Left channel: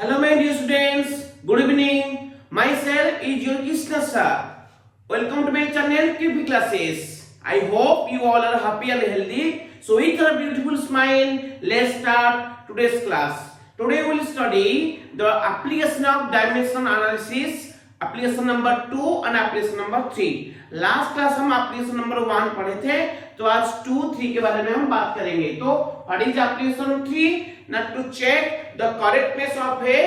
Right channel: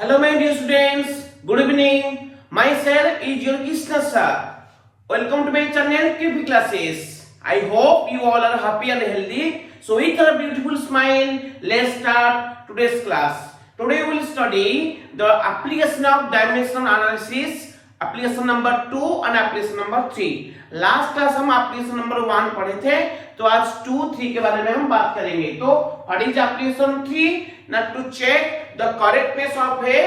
Hello my dear students, good evening. Myself is your Krishna sir. Welcome to my channel KP Classes. I hope you all are happy and healthy. So with a beautiful smile, let's start today's class. Today we will study the application of dimension analysis, application number 2 and application number 3. Last class हम application number 1 पढ़े थे, तो आज 2, 3 के बारे में हम बात करेंगे. तो व्हाट इज एप्लीकेशन 3? ना to check the correctness of a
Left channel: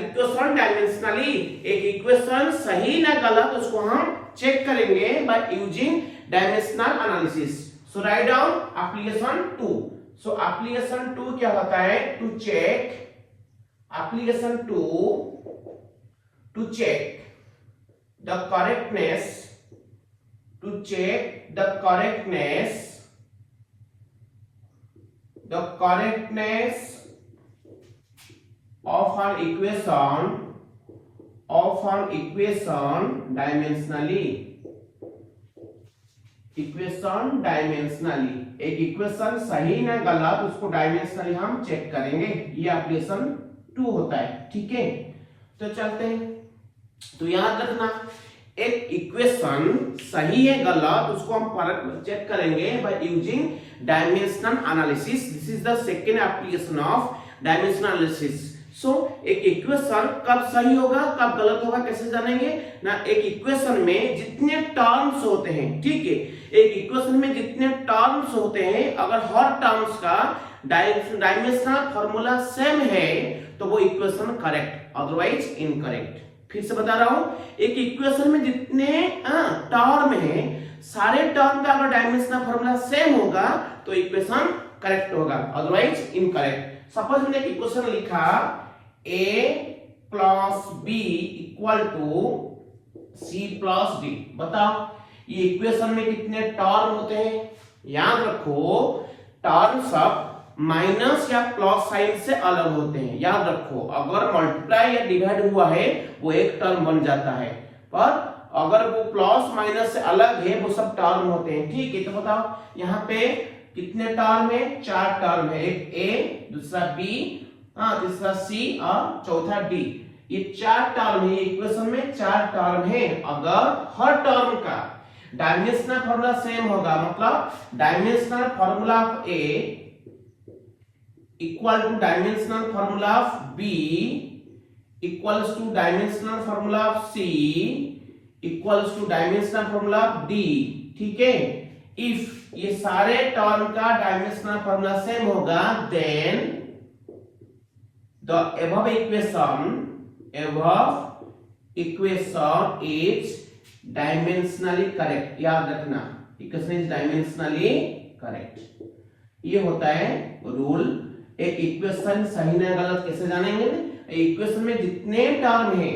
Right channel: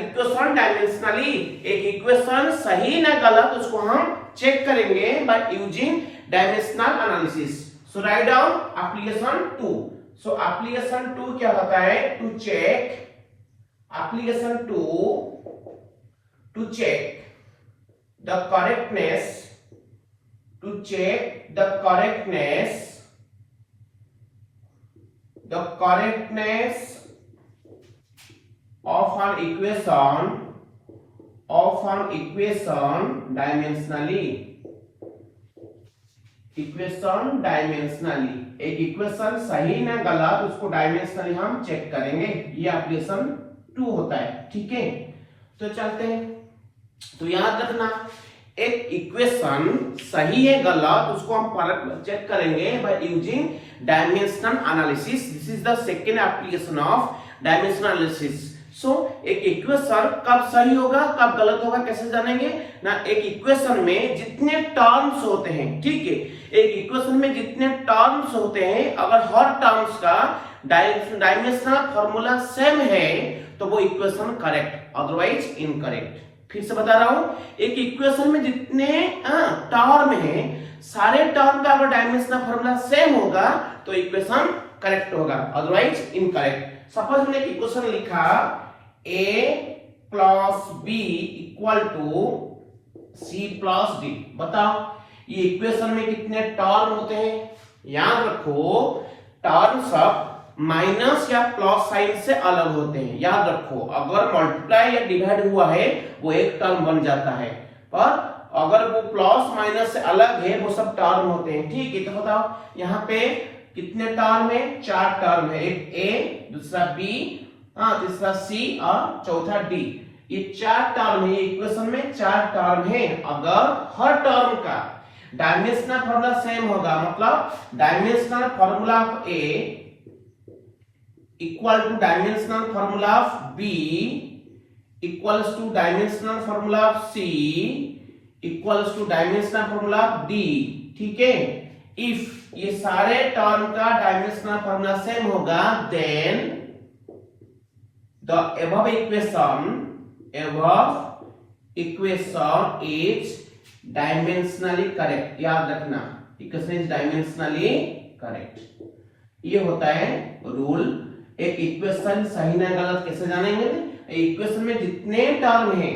equation dimensionally. एक इक्वेशन सही ना गलत उसको हम चेक करेंगे by using dimensional analysis. So write down application 2. So application 2 क्या होता है? To check application 2 to check the correctness of an equation dimensionally. एक इक्वेशन सही ना गलत उसको डायमेंशनली हम चेक करेंगे. ये एप्लीकेशन 2 होता है. ठीक है, तो चलते हैं. तो याद रखना, एक इक्वेशन सही है गलत उसको हम फर्क चेक करेंगे by using dimensional analysis. This is the second application of dimensional analysis. So एक इक्वेशन कब सही होगा कब गलत होगा कैसे जानेंगे ना? एक इक्वेशन में जितने टर्म्स होते हैं, ठीक है, एक इक्वेशन में जितने टर्म्स होते हैं, अगर हर टर्म्स का डायमेंशनल फॉर्मूला सेम है तो वो इक्वेशन करेक्ट, अदरवाइज इनकरेक्ट. फिर से बता रहा हूं, एक इक्वेशन में जितने टर्म है, सारे टर्म का अगर डायमेंशनल फॉर्मूला सेम होगा तो इक्वेशन करेक्ट होगा, अदरवाइज इनकरेक्ट. सपोज मैंने एक इक्वेशन लिखा a plus b equal to c plus d. बताओ ये इक्वेशन में कितने टर्म होते हैं? याद रखो, टर्म सब माइनस या प्लस साइन से अलग होते हैं. याद रखो, अगर मल्टीप्लाई या डिवाइड हुआ है वो एक टर्म बन जाता है, पर अगर वो प्लस माइनस से अलग है वो सब टर्म होते हैं. ठीक है, तो बताओ यहाँ पे कितने टर्म है? 4 टर्म है. एक a, दूसरा b, तीसरा c और चौथा d. ये 4 टर्म है. इक्वेशन में 4 टर्म है. अगर हर टर्म का डायमेंशनल फॉर्मूला सेम होगा, मतलब dimensional formula of a equal to dimensional formula of b equals to dimensional formula of c equals to dimensional formula of d. ठीक है, if ये सारे टर्म का डायमेंशनल फॉर्मूला सेम होगा, then the above equation is dimensionally correct. याद रखना, equation is dimensionally correct. ये होता है रूल. एक इक्वेशन सही ना गलत कैसे जानेंगे? इक्वेशन में जितने टर्म है,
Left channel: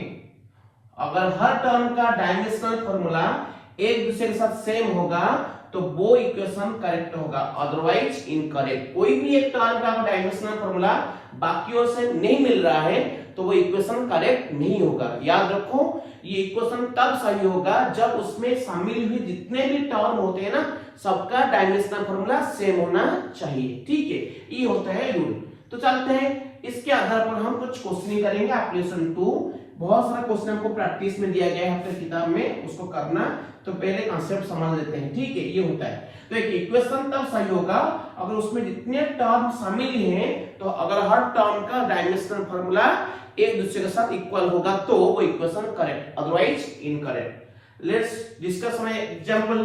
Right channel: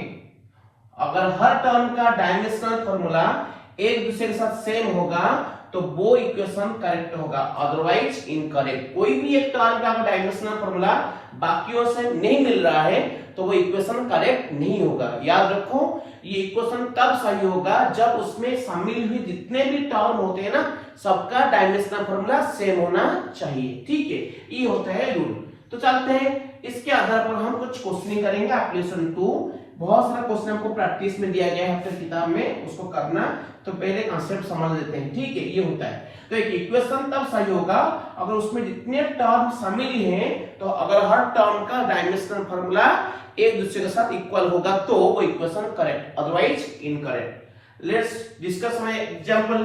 अगर हर टर्म का डायमेंशनल फॉर्मूला एक दूसरे के साथ सेम होगा तो वो इक्वेशन करेक्ट होगा, अदरवाइज इनकरेक्ट. कोई भी एक टर्म का डायमेंशनल फॉर्मूला बाकियों से नहीं मिल रहा है तो वो इक्वेशन करेक्ट नहीं होगा. याद रखो, ये इक्वेशन तब सही होगा जब उसमें शामिल हुए जितने भी टर्म होते हैं ना, सबका डायमेंशनल फॉर्मूला सेम होना चाहिए. ठीक है, ये होता है रूल. तो चलते हैं, इसके आधार पर हम कुछ क्वेश्चन करेंगे. एप्लीकेशन 2 बहुत सारा क्वेश्चन आपको प्रैक्टिस में दिया गया है अपने किताब में, उसको करना. तो पहले कॉन्सेप्ट समझ लेते हैं. ठीक है, ये होता है. तो एक इक्वेशन तब सही होगा अगर उसमें जितने टर्म शामिल हैं, तो अगर हर टर्म का डायमेंशनल फॉर्मूला एक दूसरे के साथ इक्वल होगा तो वो equation correct, otherwise incorrect. Let's discuss. मैं एग्जांपल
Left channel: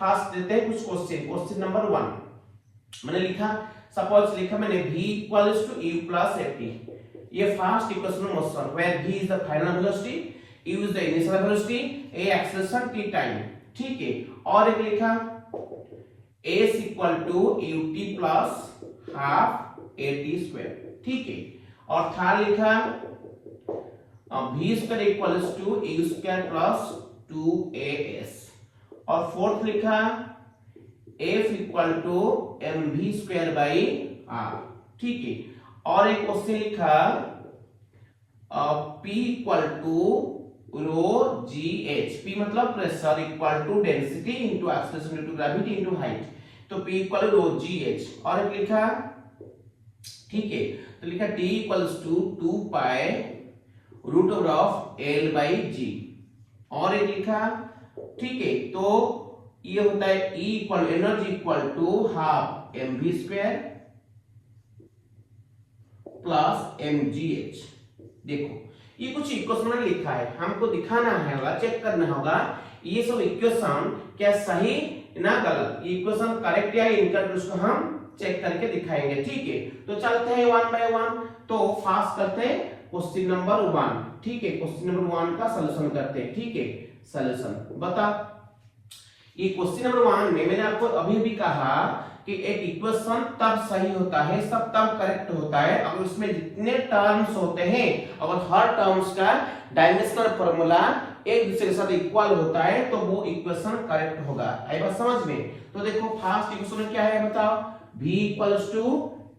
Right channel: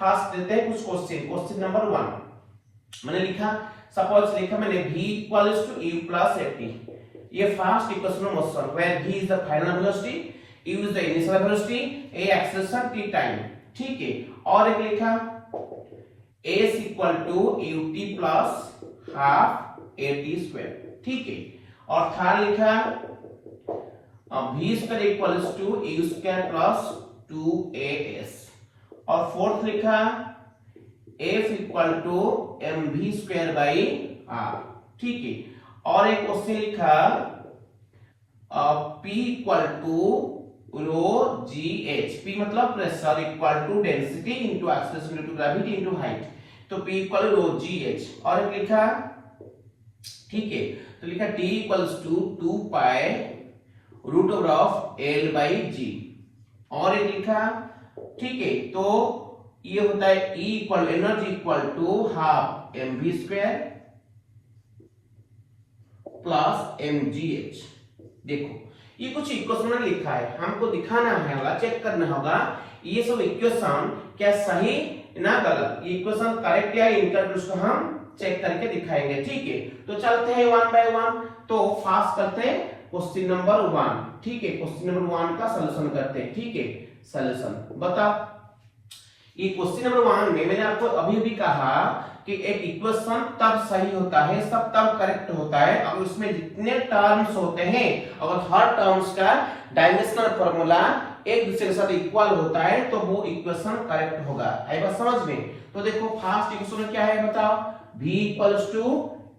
फास्ट देते हैं कुछ क्वेश्चन. क्वेश्चन नंबर 1 मैंने लिखा, सपोज लिखा मैंने v equals to u plus at. ये first equation motion where v is the final velocity, u is the initial velocity, a acceleration, t time. ठीक है, और एक लिखा s equal to ut plus half at square. ठीक है, और third लिखा v square equals to u square plus 2as. और फोर्थ लिखा f equal to mv square by r. ठीक है, और एक क्वेश्चन लिखा p equal to rho gh. p मतलब pressure equal to density into acceleration into gravity into height. तो p equal rho gh. और एक लिखा, ठीक है, तो तो लिखा t equals to 2 pi root over of L by g, और ये लिखा, ठीक है। तो ये होता है E equal energy equal to half mv square plus mgh। देखो ये कुछ इक्वेशन में लिखा है, हमको दिखाना है, चेक करना होगा ये सब इक्वेशन क्या सही ना गलत, इक्वेशन करेक्ट या इनकरेक्ट, उसको हम चेक करके दिखाएंगे, ठीक है। तो चलते हैं वन बाय वन। तो फास्ट करते हैं क्वेश्चन नंबर 1, ठीक है। क्वेश्चन नंबर 1 का सॉल्यूशन करते हैं, ठीक है। सॉल्यूशन बता, ये क्वेश्चन नंबर 1 में मैंने आपको अभी भी कहा कि एक इक्वेशन तब सही होता है, सब तब करेक्ट होता है अब इसमें जितने टर्म्स होते हैं, अगर हर टर्म्स का डायमेंशनल फार्मूला एक दूसरे के साथ इक्वल होता है तो वो इक्वेशन करेक्ट होगा। आई बात समझ में? तो देखो फर्स्ट इक्वेशन क्या है बताओ, v equals to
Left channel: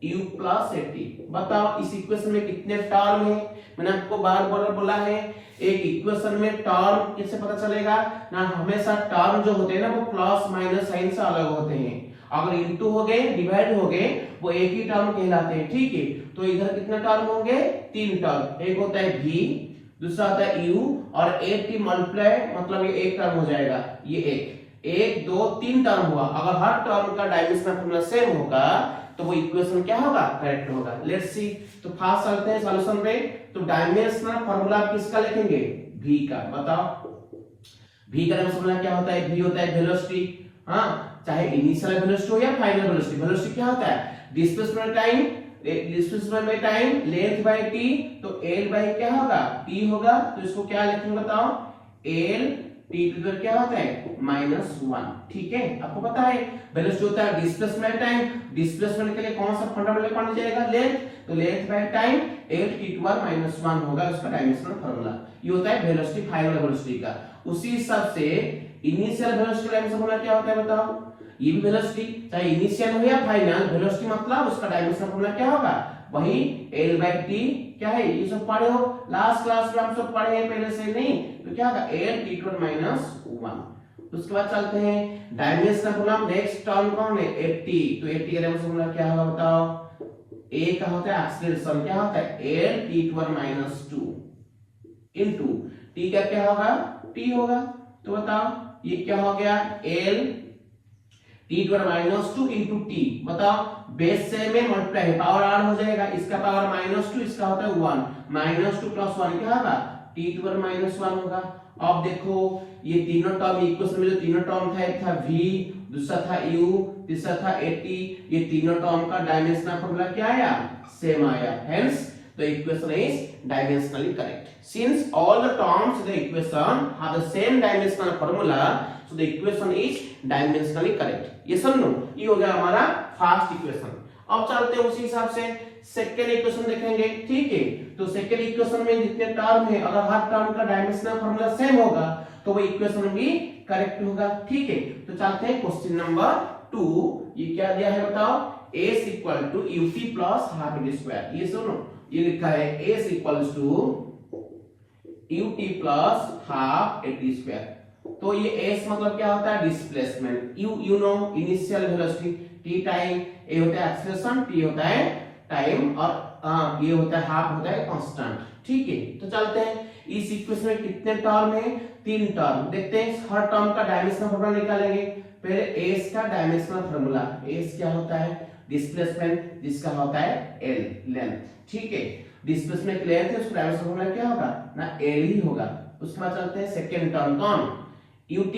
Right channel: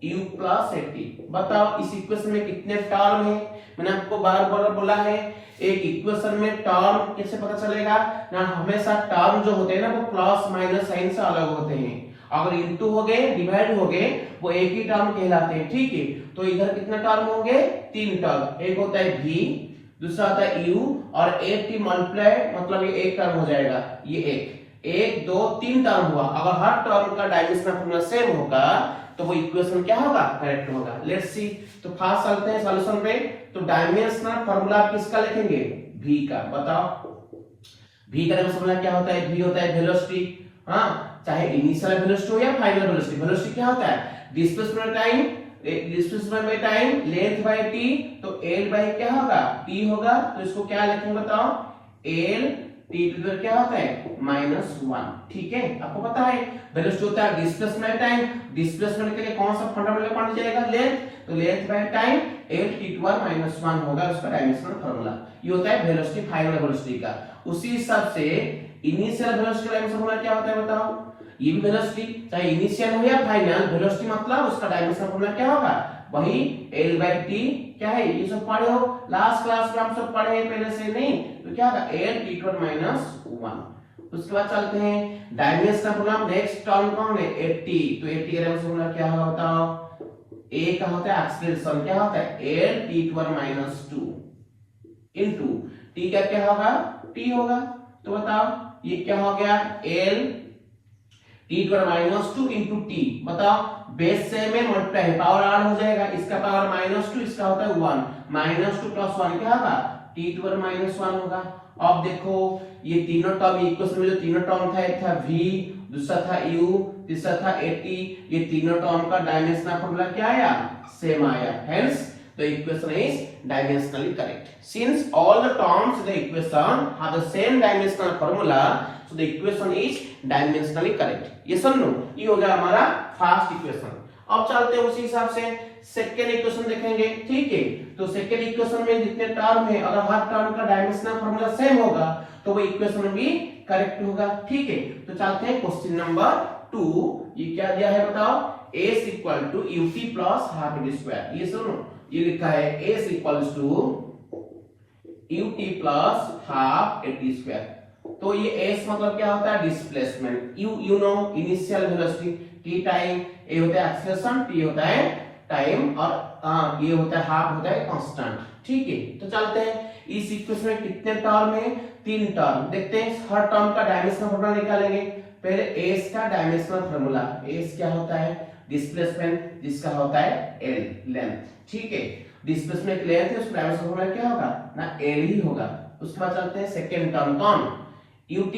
u plus 80। बताओ इस इक्वेशन में कितने टर्म है, मैंने आपको बार बार बोला है एक इक्वेशन में टर्म कैसे पता चलेगा ना, हमेशा टर्म जो होते हैं ना वो प्लस माइनस साइन से अलग होते हैं, अगर इनटू हो गए डिवाइड हो गए वो एक ही टर्म कहलाते हैं, ठीक है। तो इधर कितने टर्म होंगे, 3 टर्म, एक होता है v, दूसरा होता है u और 80 मल्टीप्लाई मतलब ये एक टर्म हो जाएगा, ये एक 2 3 टर्म हुआ। अगर हर टर्म का डायमेंशनल फार्मूला सेम होगा तो वो इक्वेशन क्या होगा, करेक्ट होगा। लेट्स सी, तो फास्ट चलते हैं सॉल्यूशन पे। तो डायमेंशनल फार्मूला किसका लिखेंगे, v का। बताओ v का डायमेंशनल फार्मूला क्या होता है, v होता है वेलोसिटी, हां चाहे इनिशियल वेलोसिटी हो या फाइनल वेलोसिटी। वेलोसिटी क्या होता है, डिस्प्लेसमेंट टाइम, डिस्प्लेसमेंट में टाइम लेंथ बाय t, तो l बाय क्या होगा, t होगा। तो इसको क्या लिखेंगे बताओ, l t टू क्या होता है -1, ठीक है। आपको पता है वेलोसिटी होता है डिस्प्लेसमेंट टाइम, डिस्प्लेसमेंट के लिए कौन सा फंडामेंटल क्वांटिटी जाएगा, लेंथ, तो length by time l t to -1 होगा उसका डायमेंशनल फार्मूला। ये होता है वेलोसिटी, फाइनल वेलोसिटी का। उसी हिसाब से इनिशियल वेलोसिटी का डायमेंशनल फार्मूला क्या होता है बताओ, ये भी वेलोसिटी चाहे इनिशियल हो या फाइनल, वेलोसिटी मतलब उसका डायमेंशनल फार्मूला क्या होगा, वही l बाय t क्या है, ये सब पढ़े हो लास्ट क्लास में, हम सब पढ़े हैं पहले से, नहीं तो क्या होगा l t टू -1। उसके बाद चलते हैं डायमेंशनल फार्मूला, नेक्स्ट टर्म कौन है 80, तो 80 का डायमेंशनल फार्मूला क्या होगा बताओ, a का होता है एक्सीलरेशन, क्या होता है l t to -2 into t का क्या होगा, t होगा। तो बताओ ये क्या हो गया, l t to -2 into t। बताओ बेस से में मल्टीप्लाई है, पावर आर हो जाएगा, इसका पावर -2, इसका होता है 1, -2 + 1 क्या होगा, t टू -1 होगा। अब देखो ये तीनों टर्म इक्वेशन में जो तीनों टर्म था, एक था v, दूसरा था u, तीसरा था 80, ये तीनों टर्म का डायमेंशनल फार्मूला क्या आया, सेम आया। Hence the equation is dimensionally correct. Since all the terms the equation have the same dimensional formula, so the equation is dimensionally correct। ये समझो, ये हो गया हमारा फर्स्ट इक्वेशन। अब चलते हैं उसी हिसाब से सेकंड इक्वेशन देखेंगे, ठीक है। तो सेकंड इक्वेशन में जितने टर्म है, अगर हर टर्म का डायमेंशनल फार्मूला सेम होगा तो वो इक्वेशन भी करेक्ट होगा, ठीक है। तो चलते हैं क्वेश्चन नंबर 2। ये क्या दिया है बताओ, s equal to ut plus half d square. ये सुनो, ये लिखा है s equals to ut plus half d square. तो ये s मतलब क्या होता है, displacement, you know initial velocity, t time, a होता है एक्सेलरेशन, t होता है टाइम, और ये होता है हाफ होता है कांस्टेंट, ठीक है। तो चलते हैं इस इक्वेशन में कितने टर्म है, 3 टर्म। देखते हैं हर टर्म का डायमेंशनल फार्मूला निकालेंगे। पहले s का डायमेंशनल फार्मूला, s क्या होता है, डिस्प्लेसमेंट, जिसका होता है l लेंथ, ठीक है। डिस्प्लेसमेंट लेंथ है, उसका डायमेंशनल फार्मूला क्या होगा ना, l ही होगा। उसके बाद चलते हैं सेकंड टर्म कौन, ut।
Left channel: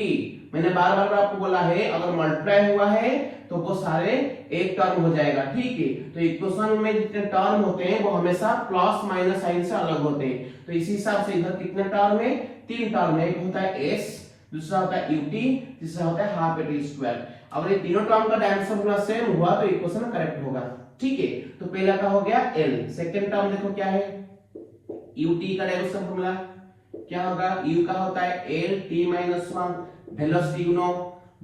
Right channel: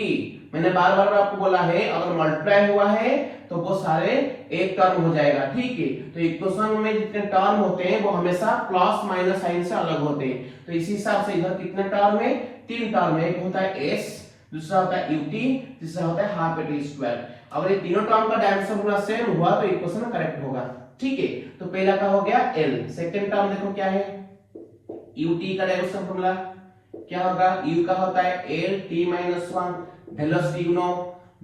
मैंने बार बार आपको बोला है अगर मल्टीप्लाई हुआ है तो वो सारे एक टर्म हो जाएगा, ठीक है। तो इक्वेशन में जितने टर्म होते हैं वो हमेशा प्लस माइनस साइन से अलग होते हैं। तो इसी हिसाब से इधर कितने टर्म है, 3 टर्म है, एक होता है s, दूसरा होता है ut, तीसरा होता है हाफ d स्क्वायर। अगर ये तीनों टर्म का डायमेंशन पूरा सेम हुआ तो इक्वेशन करेक्ट होगा, ठीक है। तो पहला का हो गया l। सेकंड टर्म देखो क्या है, ut का डायमेंशन फार्मूला क्या होगा, u का होता है l t - 1, वेलोसिटी गुना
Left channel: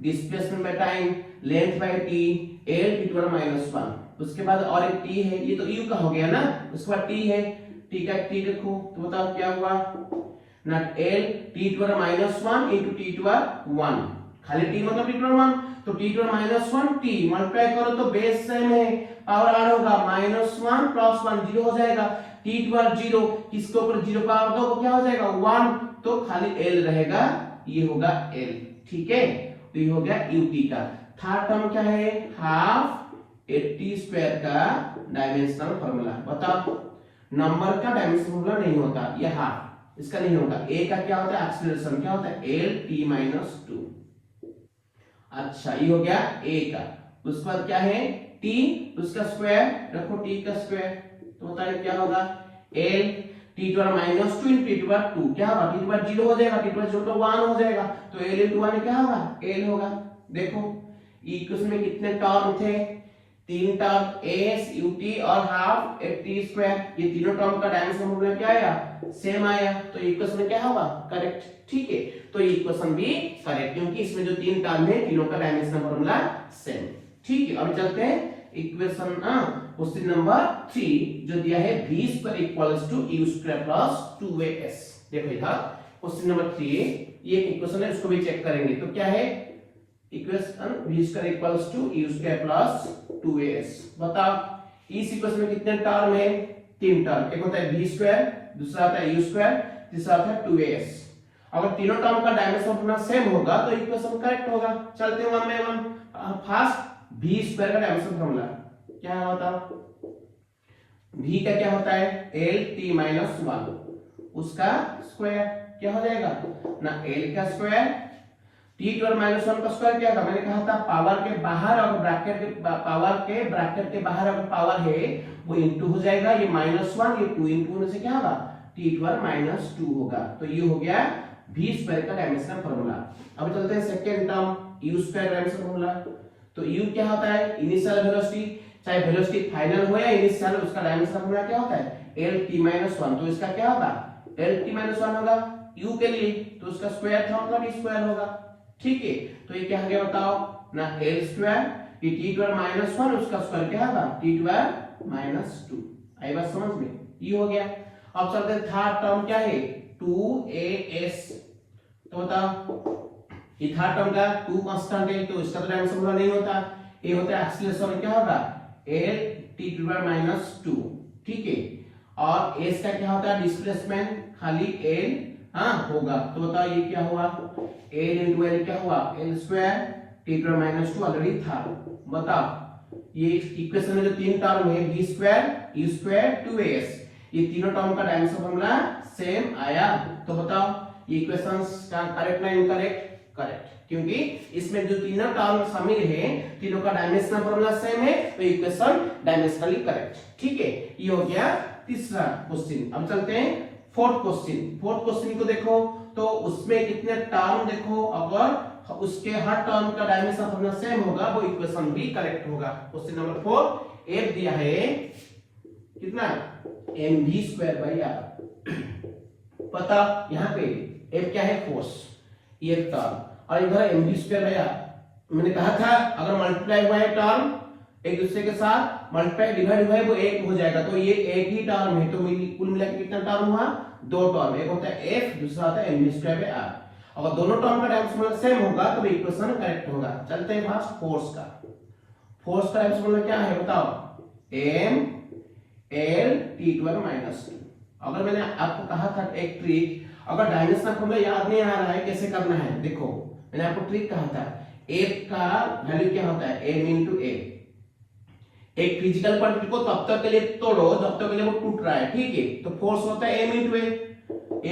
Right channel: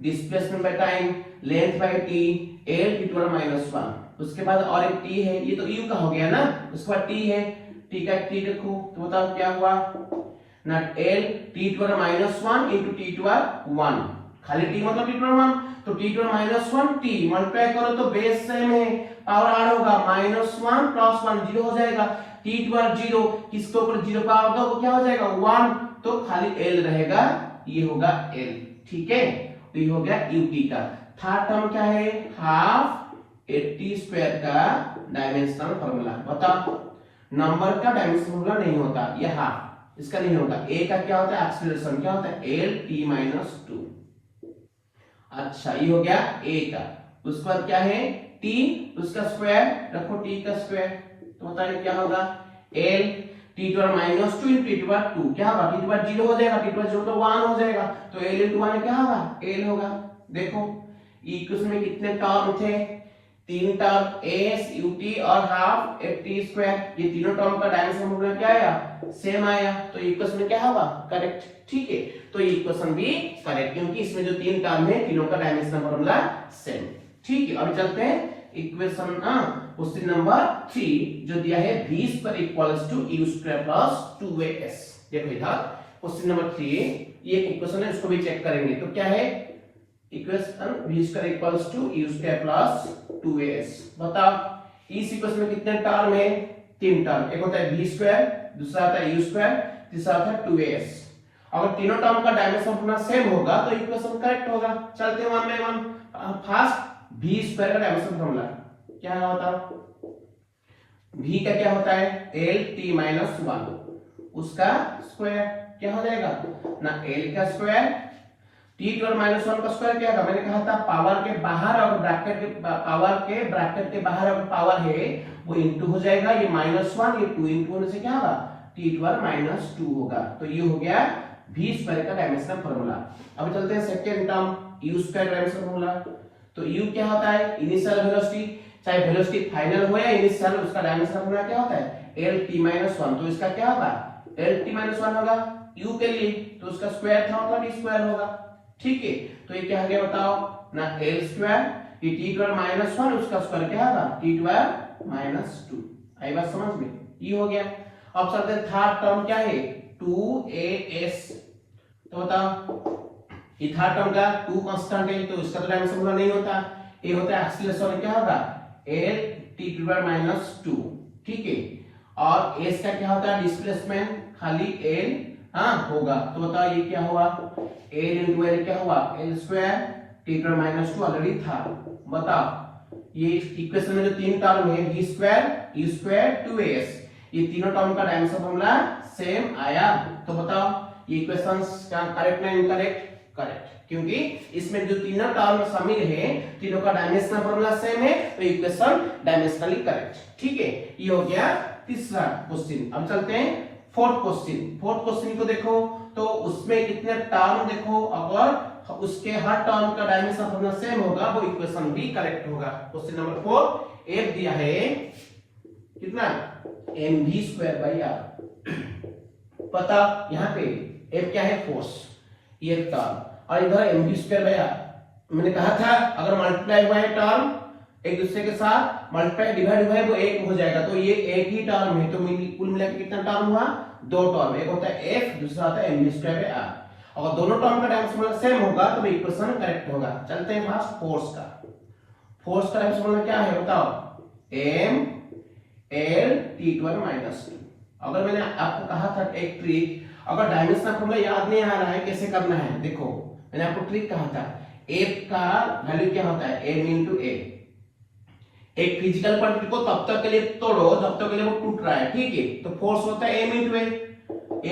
displacement by time, length by t, l t to -1। उसके बाद और एक t है, ये तो u का हो गया ना, उसके बाद t है, t का t देखो तो बताओ क्या हुआ ना, l t to -1 into t to 1, खाली t मतलब t टू 1, तो t टू -1 t मल्टीप्लाई करो तो बेस सेम है, पावर आर होगा -1 + 1 0 हो जाएगा, t² 0 किसके ऊपर 0 पावर दो क्या हो जाएगा 1, तो खाली l रहेगा, ये होगा l। ठीक है, तो ये हो गया ut का। थर्ड टर्म क्या है, हाफ 80² का डायमेंशनल फार्मूला। बताओ, नंबर का डायमेंशनल फार्मूला नहीं होता, ये हाफ इसका नहीं होगा। a का क्या होता है, एक्सीलरेशन क्या होता है, lt-2। अच्छा, ये हो गया a का। उसके बाद क्या है, t, उसका स्क्वायर रखो, t का स्क्वायर, तो बताइए क्या होगा, l t-2 t-2 क्या होगा, t-2 0 हो जाएगा, t-2 0 तो 1 हो जाएगा, तो l into 1 क्या होगा, l होगा। देखो इक्वेशन में कितने टर्म थे, 3 टर्म, s ut और हाफ 80², ये तीनों टर्म का डायमेंशन फॉर्मूला क्या आया, सेम आया, तो इक्वेशन में क्या होगा, करेक्ट। ठीक है, तो ये इक्वेशन भी करेक्ट, क्योंकि इसमें जो 3 टर्म है तीनों का डायमेंशन फॉर्मूला सेम। ठीक है, अब चलते हैं इक्वेशन क्वेश्चन नंबर 3 जो दिया है v² = u² + 2as। देखो इधर क्वेश्चन नंबर 3 ये इक्वेशन है, इसको भी चेक करेंगे। तो क्या है इक्वेशन, v² = u² + 2as। बताओ इस इक्वेशन में कितने टर्म है, 3 टर्म, एक होता है v², दूसरा आता है u², तीसरा आता है 2as। अगर तीनों टर्म का डायमेंशन अपना सेम होगा तो इक्वेशन करेक्ट होगा। चलते हैं 1 बाय 1। फर्स्ट v² का डायमेंशन फॉर्मूला क्या होता है, v का क्या होता है, lt-1, उसका स्क्वायर क्या हो जाएगा ना, l का स्क्वायर, t-1 का स्क्वायर क्या होगा, मैंने कहा था पावर के बाहर अगर ब्रैकेट के पावर के ब्रैकेट के बाहर अगर पावर है वो इनटू हो जाएगा, ये -1 ये 2 इनटू होने से क्या होगा, t-2 होगा। तो ये हो गया v² का डायमेंशनल फार्मूला। अब चलते हैं second term u² dimensional formula. तो u क्या होता है, इनिशियल वेलोसिटी, चाहे वेलोसिटी फाइनल हो या इनिशियल, उसका डायमेंशनल फार्मूला क्या होता है, lt-1। तो इसका क्या होगा, lt-1 होगा u के लिए, तो उसका स्क्वायर था होगा d² होगा। ठीक है, तो ये क्या हो गया बताओ ना, l², ये t-1 उसका स्क्वायर क्या होगा, t-2। आई बात समझ में, ये हो गया। अब चलते हैं थर्ड टर्म क्या है, 2as। तो बताओ ये थर्ड टर्म का 2 कांस्टेंट है, तो इसका डायमेंशन फार्मूला नहीं होता, ये होता है एक्सीलरेशन क्या होगा, l t-2। ठीक है, और s का क्या होता है, डिस्प्लेसमेंट, खाली l होगा। तो बताओ ये क्या हुआ, l into l क्या हुआ, l² t-2 ऑलरेडी था। बताओ ये इक्वेशन में जो 3 टर्म है v² u² 2as, ये तीनों टर्म का डायमेंशन फार्मूला सेम आया। तो बताओ ये इक्वेशंस का करेक्ट है इनकरेक्ट, करेक्ट, क्योंकि इसमें जो तीनों टर्म शामिल है तीनों का डायमेंशनल फार्मूला सेम है, तो इक्वेशन डायमेंशनली करेक्ट। ठीक है, ये हो गया तीसरा क्वेश्चन। अब चलते हैं फोर्थ क्वेश्चन। फोर्थ क्वेश्चन को देखो तो उसमें कितने टर्म देखो, अगर उसके हर टर्म का डायमेंशन फार्मूला सेम होगा वो इक्वेशन भी करेक्ट होगा। क्वेश्चन नंबर 4 एक दिया है कितना, mv²/r। पता यहाँ पे f क्या है, फोर्स, ये टर्म, और इधर mv²/r। मैंने कहा था अगर मल्टीप्लाई हुआ है टर्म एक दूसरे के साथ, मल्टीप्लाई डिवाइड हुआ है वो एक हो जाएगा, तो ये एक ही टर्म है, तो कुल मिलाकर कितना टर्म हुआ, 2 टर्म, एक होता है f, दूसरा होता है mv²/r। अगर दोनों टर्म का डायमेंशन फार्मूला सेम होगा तो इक्वेशन करेक्ट होगा। चलते हैं फर्स्ट फोर्स का। फोर्स का डायमेंशन फार्मूला क्या है बताओ, m l t-2। अगर मैंने आपको कहा था एक ट्रिक, अगर डायमेंशनल फार्मूला याद नहीं आ रहा है कैसे करना है, देखो मैंने आपको ट्रिक कहा था, f का वैल्यू क्या होता है, m into a। एक फिजिकल क्वांटिटी को तब तक के लिए तोड़ो जब तक के लिए वो टूट रहा है, ठीक है, तो फोर्स होता है m into a।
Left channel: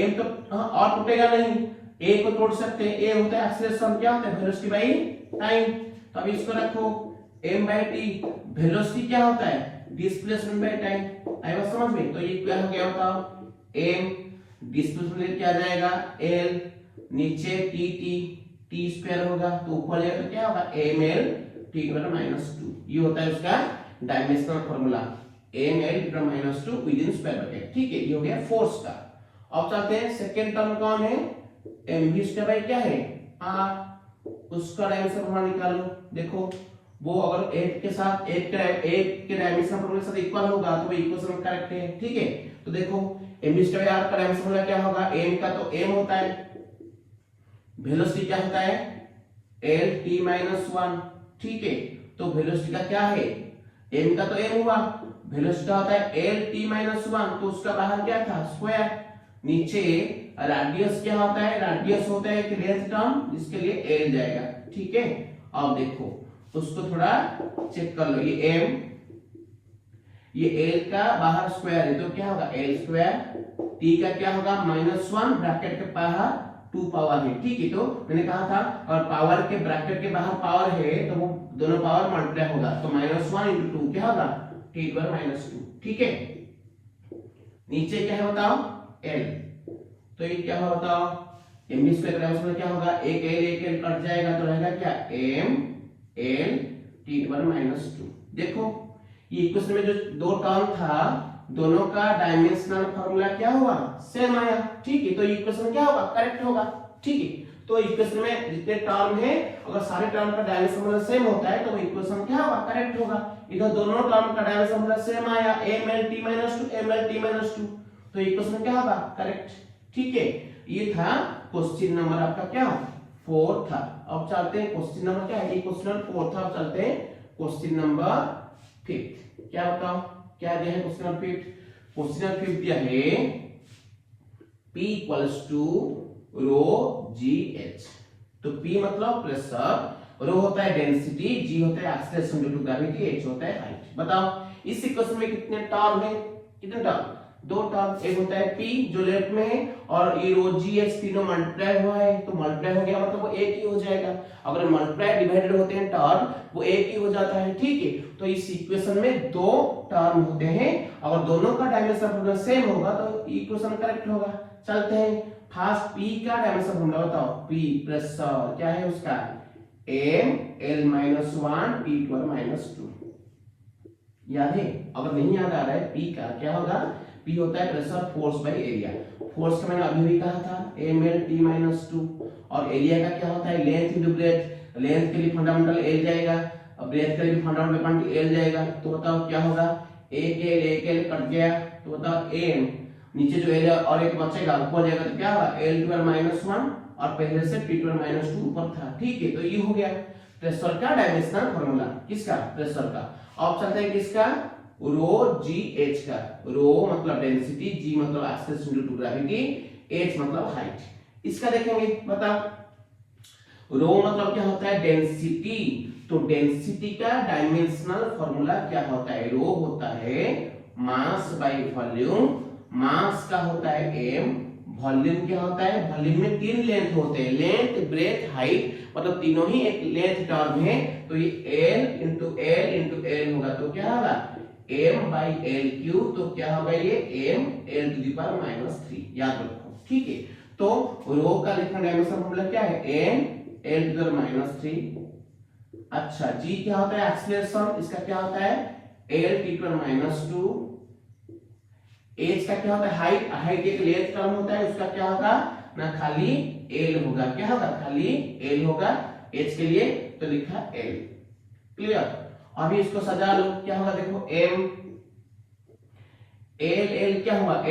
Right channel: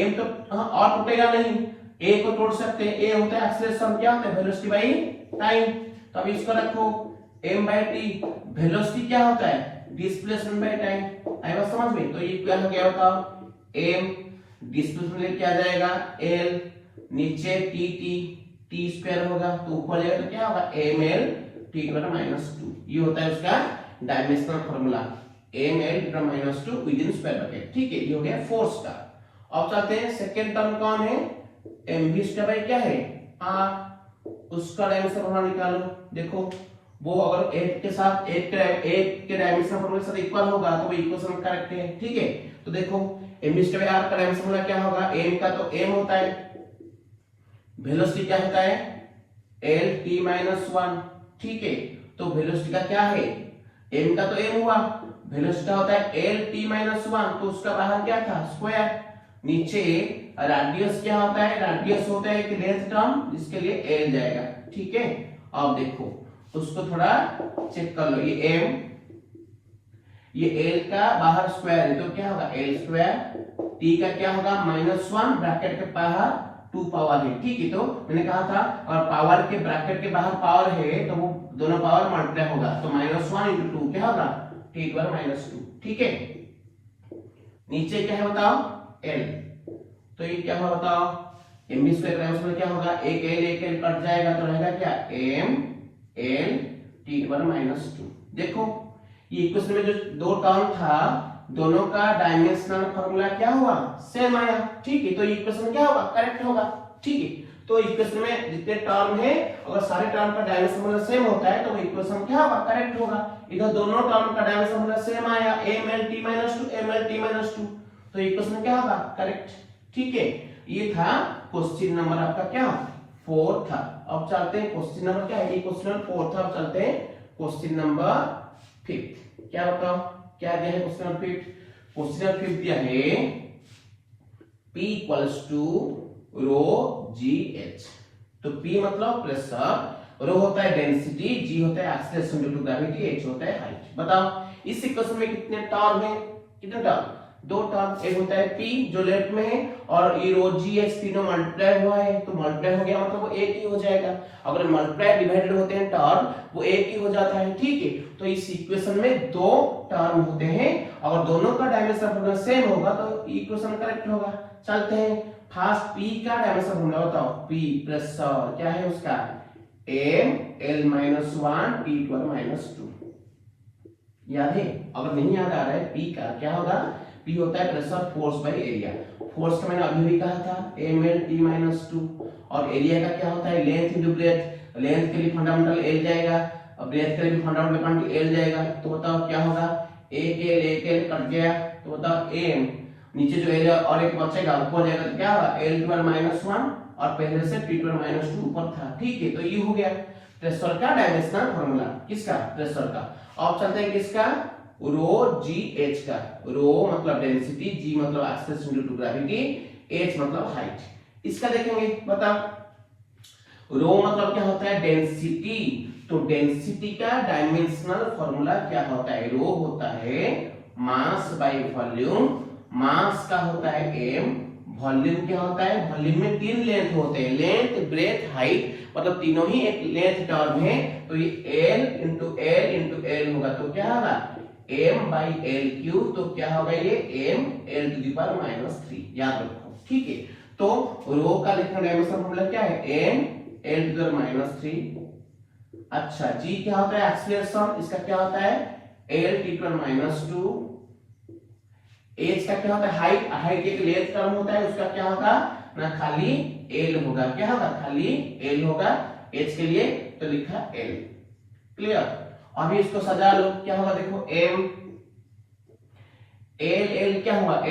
m तो और टूटेगा नहीं, a को तोड़ सकते हैं, a होता है एक्सीलरेशन, क्या होता है, वेलोसिटी बाई टाइम। तो अब इसको रखो m/t, वेलोसिटी क्या होता है, डिस्प्लेसमेंट बाय टाइम। आई बात समझ में, तो ये क्या हो गया बताओ, m डिस्प्लेसमेंट क्या आ जाएगा, l, नीचे t² होगा, तो ऊपर जाएगा तो क्या होगा, ml t-2। ये होता है उसका dimensional formula, ml t-2 with in square bracket. ठीक है, ये हो गया फोर्स का। अब चलते हैं सेकंड टर्म कौन है, mv² क्या है, r, उसका डायमेंशन फार्मूला निकालो। देखो वो अगर 8 के साथ 8 के डायमेंशन फार्मूला के साथ इक्वल होगा तो वो इक्वेशन करेक्ट है। ठीक है, तो देखो mv² का डायमेंशन फार्मूला क्या होगा, m का तो m होता है, वेलोसिटी क्या होता है, l t-1। ठीक है, तो वेलोसिटी का क्या है, m का तो m हुआ, वेलोसिटी होता है l t माइनस 1, तो उसका बाहर क्या था स्क्वायर। नीचे रेडियस क्या होता है, रेडियस होता है एक लेंथ टर्म जिसके लिए l जाएगा। ठीक है, अब देखो उसको थोड़ा चेक कर लो, ये m, ये l का बाहर स्क्वायर है तो क्या होगा l स्क्वायर, t का क्या होगा -1 ब्रैकेट के बाहर 2 पावर है। ठीक है, तो मैंने कहा था और पावर के ब्रैकेट के बाहर पावर है तो वो दोनों पावर मल्टीप्लाई होगा, तो -1 × 2 क्या होगा t⁻²। ठीक है, नीचे क्या है बताओ l, तो ये क्या होगा बताओ mv स्क्वायर में क्या होगा, एक l कट जाएगा तो रहेगा क्या m l t⁻²। देखो ये इक्वेशन में जो दो टर्म था दोनों का डायमेंशनल फार्मूला क्या हुआ सेम आया। ठीक है, तो इक्वेशन क्या होगा करेक्ट होगा। ठीक है, तो इक्वेशन में जितने टर्म है अगर सारे टर्म का डायमेंशन फार्मूला सेम होता है तो इक्वेशन क्या होगा करेक्ट होगा। इधर दोनों टर्म का डायमेंशन फार्मूला सेम आया mlt-2 तो इक्वेशन क्या होगा करेक्ट। ठीक है, ये था क्वेश्चन नंबर आपका क्या 4 था। अब चलते हैं क्वेश्चन नंबर क्या है, क्वेश्चन नंबर 4 था। अब चलते हैं क्वेश्चन नंबर 5। क्या बताओ क्या दिया है क्वेश्चन नंबर 5। क्वेश्चन नंबर 5 दिया है P = ρgh। तो P मतलब प्रेशर, रो होता है डेंसिटी, g होता है acceleration due to gravity, h होता है हाइट। बताओ इस इक्वेशन में कितने टर्म है, कितने टर्म, दो टर्म, एक होता है P जो लेफ्ट में है और ये रो gh तीनों मल्टीप्लाई हुआ है तो मल्टीप्लाई हो गया मतलब वो एक ही हो जाएगा। अगर मल्टीप्लाई डिवाइडेड होते हैं टर्म वो एक ही हो जाता है। ठीक है, तो इस इक्वेशन में दो टर्म होते हैं, अगर दोनों का डायमेंशन फार्मूला सेम होगा तो इक्वेशन करेक्ट होगा। चलते हैं फर्स्ट P का डायमेंशन फार्मूला बताओ। P प्रेशर क्या है उसका m l-1 t⁻²। याद है, अगर नहीं याद आ रहा है P का क्या होगा, P होता है pressure force by area. Force का मैंने अभी भी कहा था ml-t-2 और एरिया का क्या होता है लेंथ इनटू ब्रेथ। लेंथ के लिए फंडामेंटल l जाएगा और ब्रेथ के लिए फंडामेंटल क्वांटिटी l जाएगा। तो बताओ क्या होगा, एक l कट गया तो बताओ m, नीचे जो l और एक बचेगा ऊपर जाएगा तो क्या होगा l⁻⁻1 और पहले से t⁻⁻2 ऊपर था। ठीक है, तो ये हो गया प्रेशर का डायमेंशनल फार्मूला, किसका प्रेशर का। अब चलते हैं किसका रो gh का। रो मतलब डेंसिटी, g मतलब acceleration due to gravity, h मतलब हाइट। इसका देखेंगे बताओ रो मतलब क्या होता है डेंसिटी, तो डेंसिटी का डायमेंशनल फार्मूला क्या होता है, रो होता है मास बाय वॉल्यूम। मास का होता है m, वॉल्यूम क्या होता है, वॉल्यूम में तीन लेंथ होते हैं, लेंथ ब्रेथ हाइट, मतलब तीनों ही एक लेंथ टर्म है तो ये l होगा तो क्या होगा m/l3। तो क्या होगा ये m l⁻³ याद रखो। ठीक है, तो रो का लिखना डायमेंशन फार्मूला क्या है m l⁻³। अच्छा g क्या होता है एक्सीलरेशन, इसका क्या होता है l⁻²। h का क्या होता है हाइट, हाइट एक लेंथ टर्म होता है उसका क्या होगा ना खाली l होगा, क्या होगा खाली l होगा h के लिए तो लिखा l। क्लियर, अभी इसको सजा लो क्या होगा देखो m l क्या होगा l²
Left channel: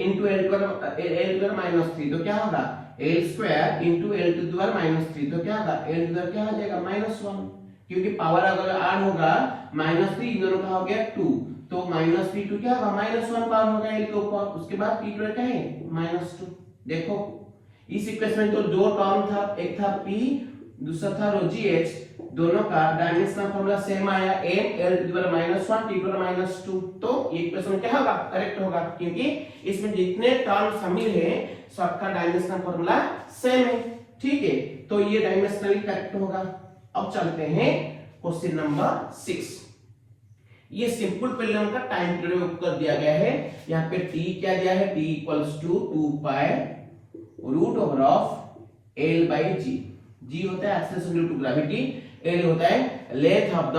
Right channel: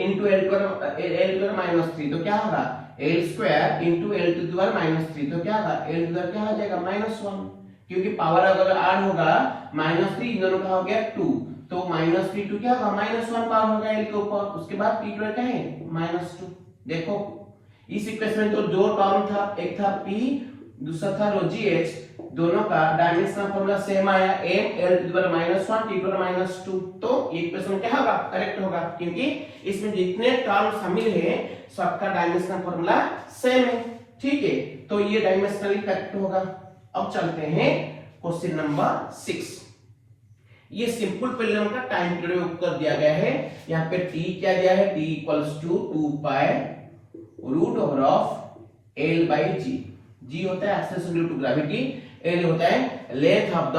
इनटू l⁻³ तो क्या होगा l² इनटू l⁻³ तो क्या होगा l क्या हो जाएगा -1, क्योंकि पावर अगर ऐड होगा -3 इन दोनों का हो गया 2 तो -3 क्या होगा -1 पावर होगा l के ऊपर, उसके बाद t क्या है -2। देखो इस इक्वेशन में तो दो टर्म था, एक था p दूसरा था रो gh, दोनों का डायमेंशनल फार्मूला सेम आया m l⁻⁻1 t⁻²। तो ये इक्वेशन क्या होगा करेक्ट होगा, क्योंकि इसमें जितने टर्म शामिल है सबका डायमेंशनल फार्मूला सेम है। ठीक है, तो ये डायमेंशनली करेक्ट होगा। अब चलते हैं क्वेश्चन नंबर 6। ये सिंपल पेंडुलम का टाइम पीरियड कर दिया गया है। यहाँ पे t क्या दिया है t = 2π√g। g होता है acceleration due to gravity, l होता है length of the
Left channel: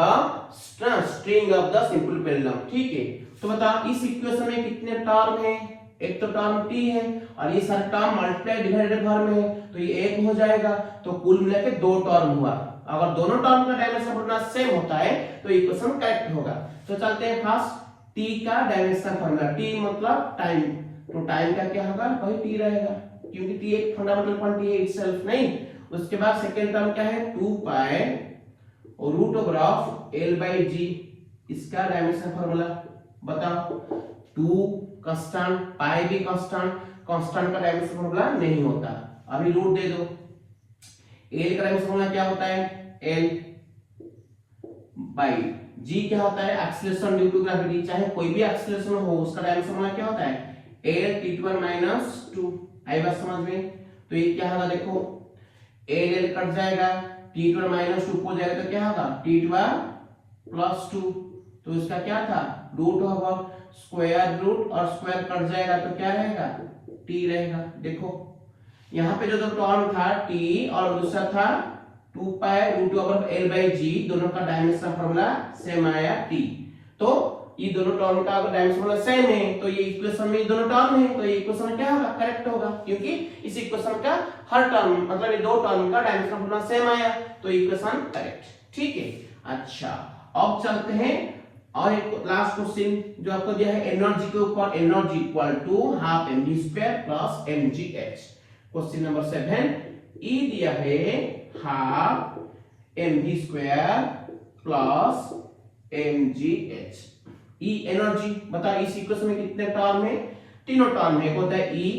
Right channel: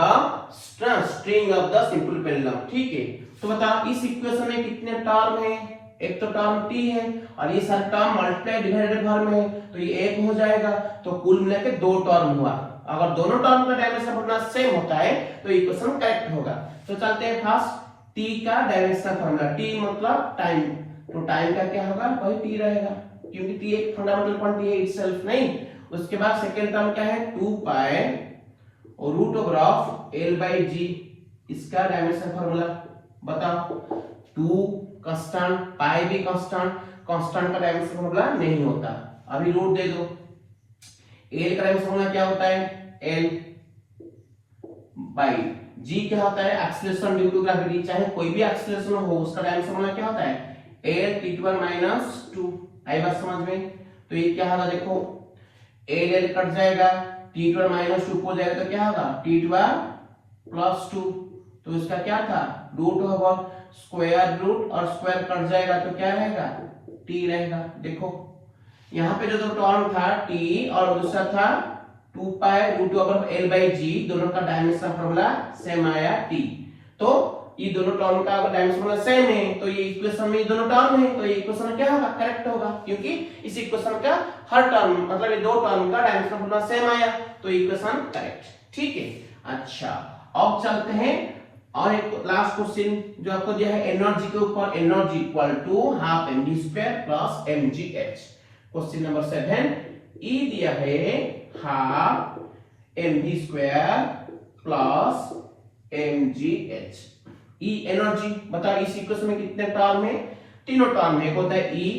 string of the simple pendulum. ठीक है, तो बताओ इस इक्वेशन में कितने टर्म है, एक तो टर्म t है और ये सारे टर्म मल्टीप्लाई डिवाइडेड फॉर्म में है तो ये एक हो जाएगा, तो कुल मिलाकर दो टर्म हुआ। अगर दोनों टर्म का डायमेंशन फार्मूला सेम होता है तो इक्वेशन करेक्ट होगा। तो चलते हैं फर्स्ट t का डायमेंशन फार्मूला, t मतलब टाइम, तो टाइम का क्या होगा वही t रहेगा क्योंकि t एक फंडामेंटल क्वांटिटी है इटसेल्फ नहीं। उसके बाद सेकंड टर्म क्या है 2π और root over of L by g, इसका डायमेंशन फॉर्मूला बताओ। 2 कांस्टेंट, पाई भी कांस्टेंट, कांस्टेंट का डायमेंशन फॉर्मूला नहीं होता। अभी रूट दे दो। L का डायमेंशन फॉर्मूला क्या होता है? L बाई जी क्या होता है? एक्सीलरेशन ड्यू टू ग्रेविटी, चाहे कोई भी एक्सीलरेशन हो उसका डायमेंशन फॉर्मूला क्या होता है? L t1 - 2। आई बात समझ में? तो ये क्या होगा देखो, L कट जाएगा, t1 - 2 हो जाएगा तो क्या होगा? t1 + 2। तो इसका क्या था? रूट होगा, स्क्वायर रूट और स्क्वायर कट जाएगा तो क्या रहेगा? t रहेगा। देखो यहाँ पे जो दो टर्म था t और दूसरा था 2 pi root over L by g, दोनों का डायमेंशन फॉर्मूला सेम आया t। तो ये दोनों टर्म का डायमेंशन फॉर्मूला सेम है तो ये इक्वेशन में दोनों टर्म है तो ये इक्वेशन क्या होगा? करेक्ट होगा, क्योंकि इस इक्वेशन का हर टर्म मतलब ये दो टर्म का डायमेंशन फॉर्मूला सेम आया तो इक्वेशन करेक्ट। ठीक है, अच्छा अब चलते हैं और एक लास्ट क्वेश्चन जो आपको दिया है एनर्जी के ऊपर। Energy equal to half mv² plus mgh। Question number 7 ई दिया है हाफ mv² प्लस mgh। ई एनर्जी बताओ, इस इक्वेशन में कितने टर्म है? तीनों टर्म है। एक होता है ई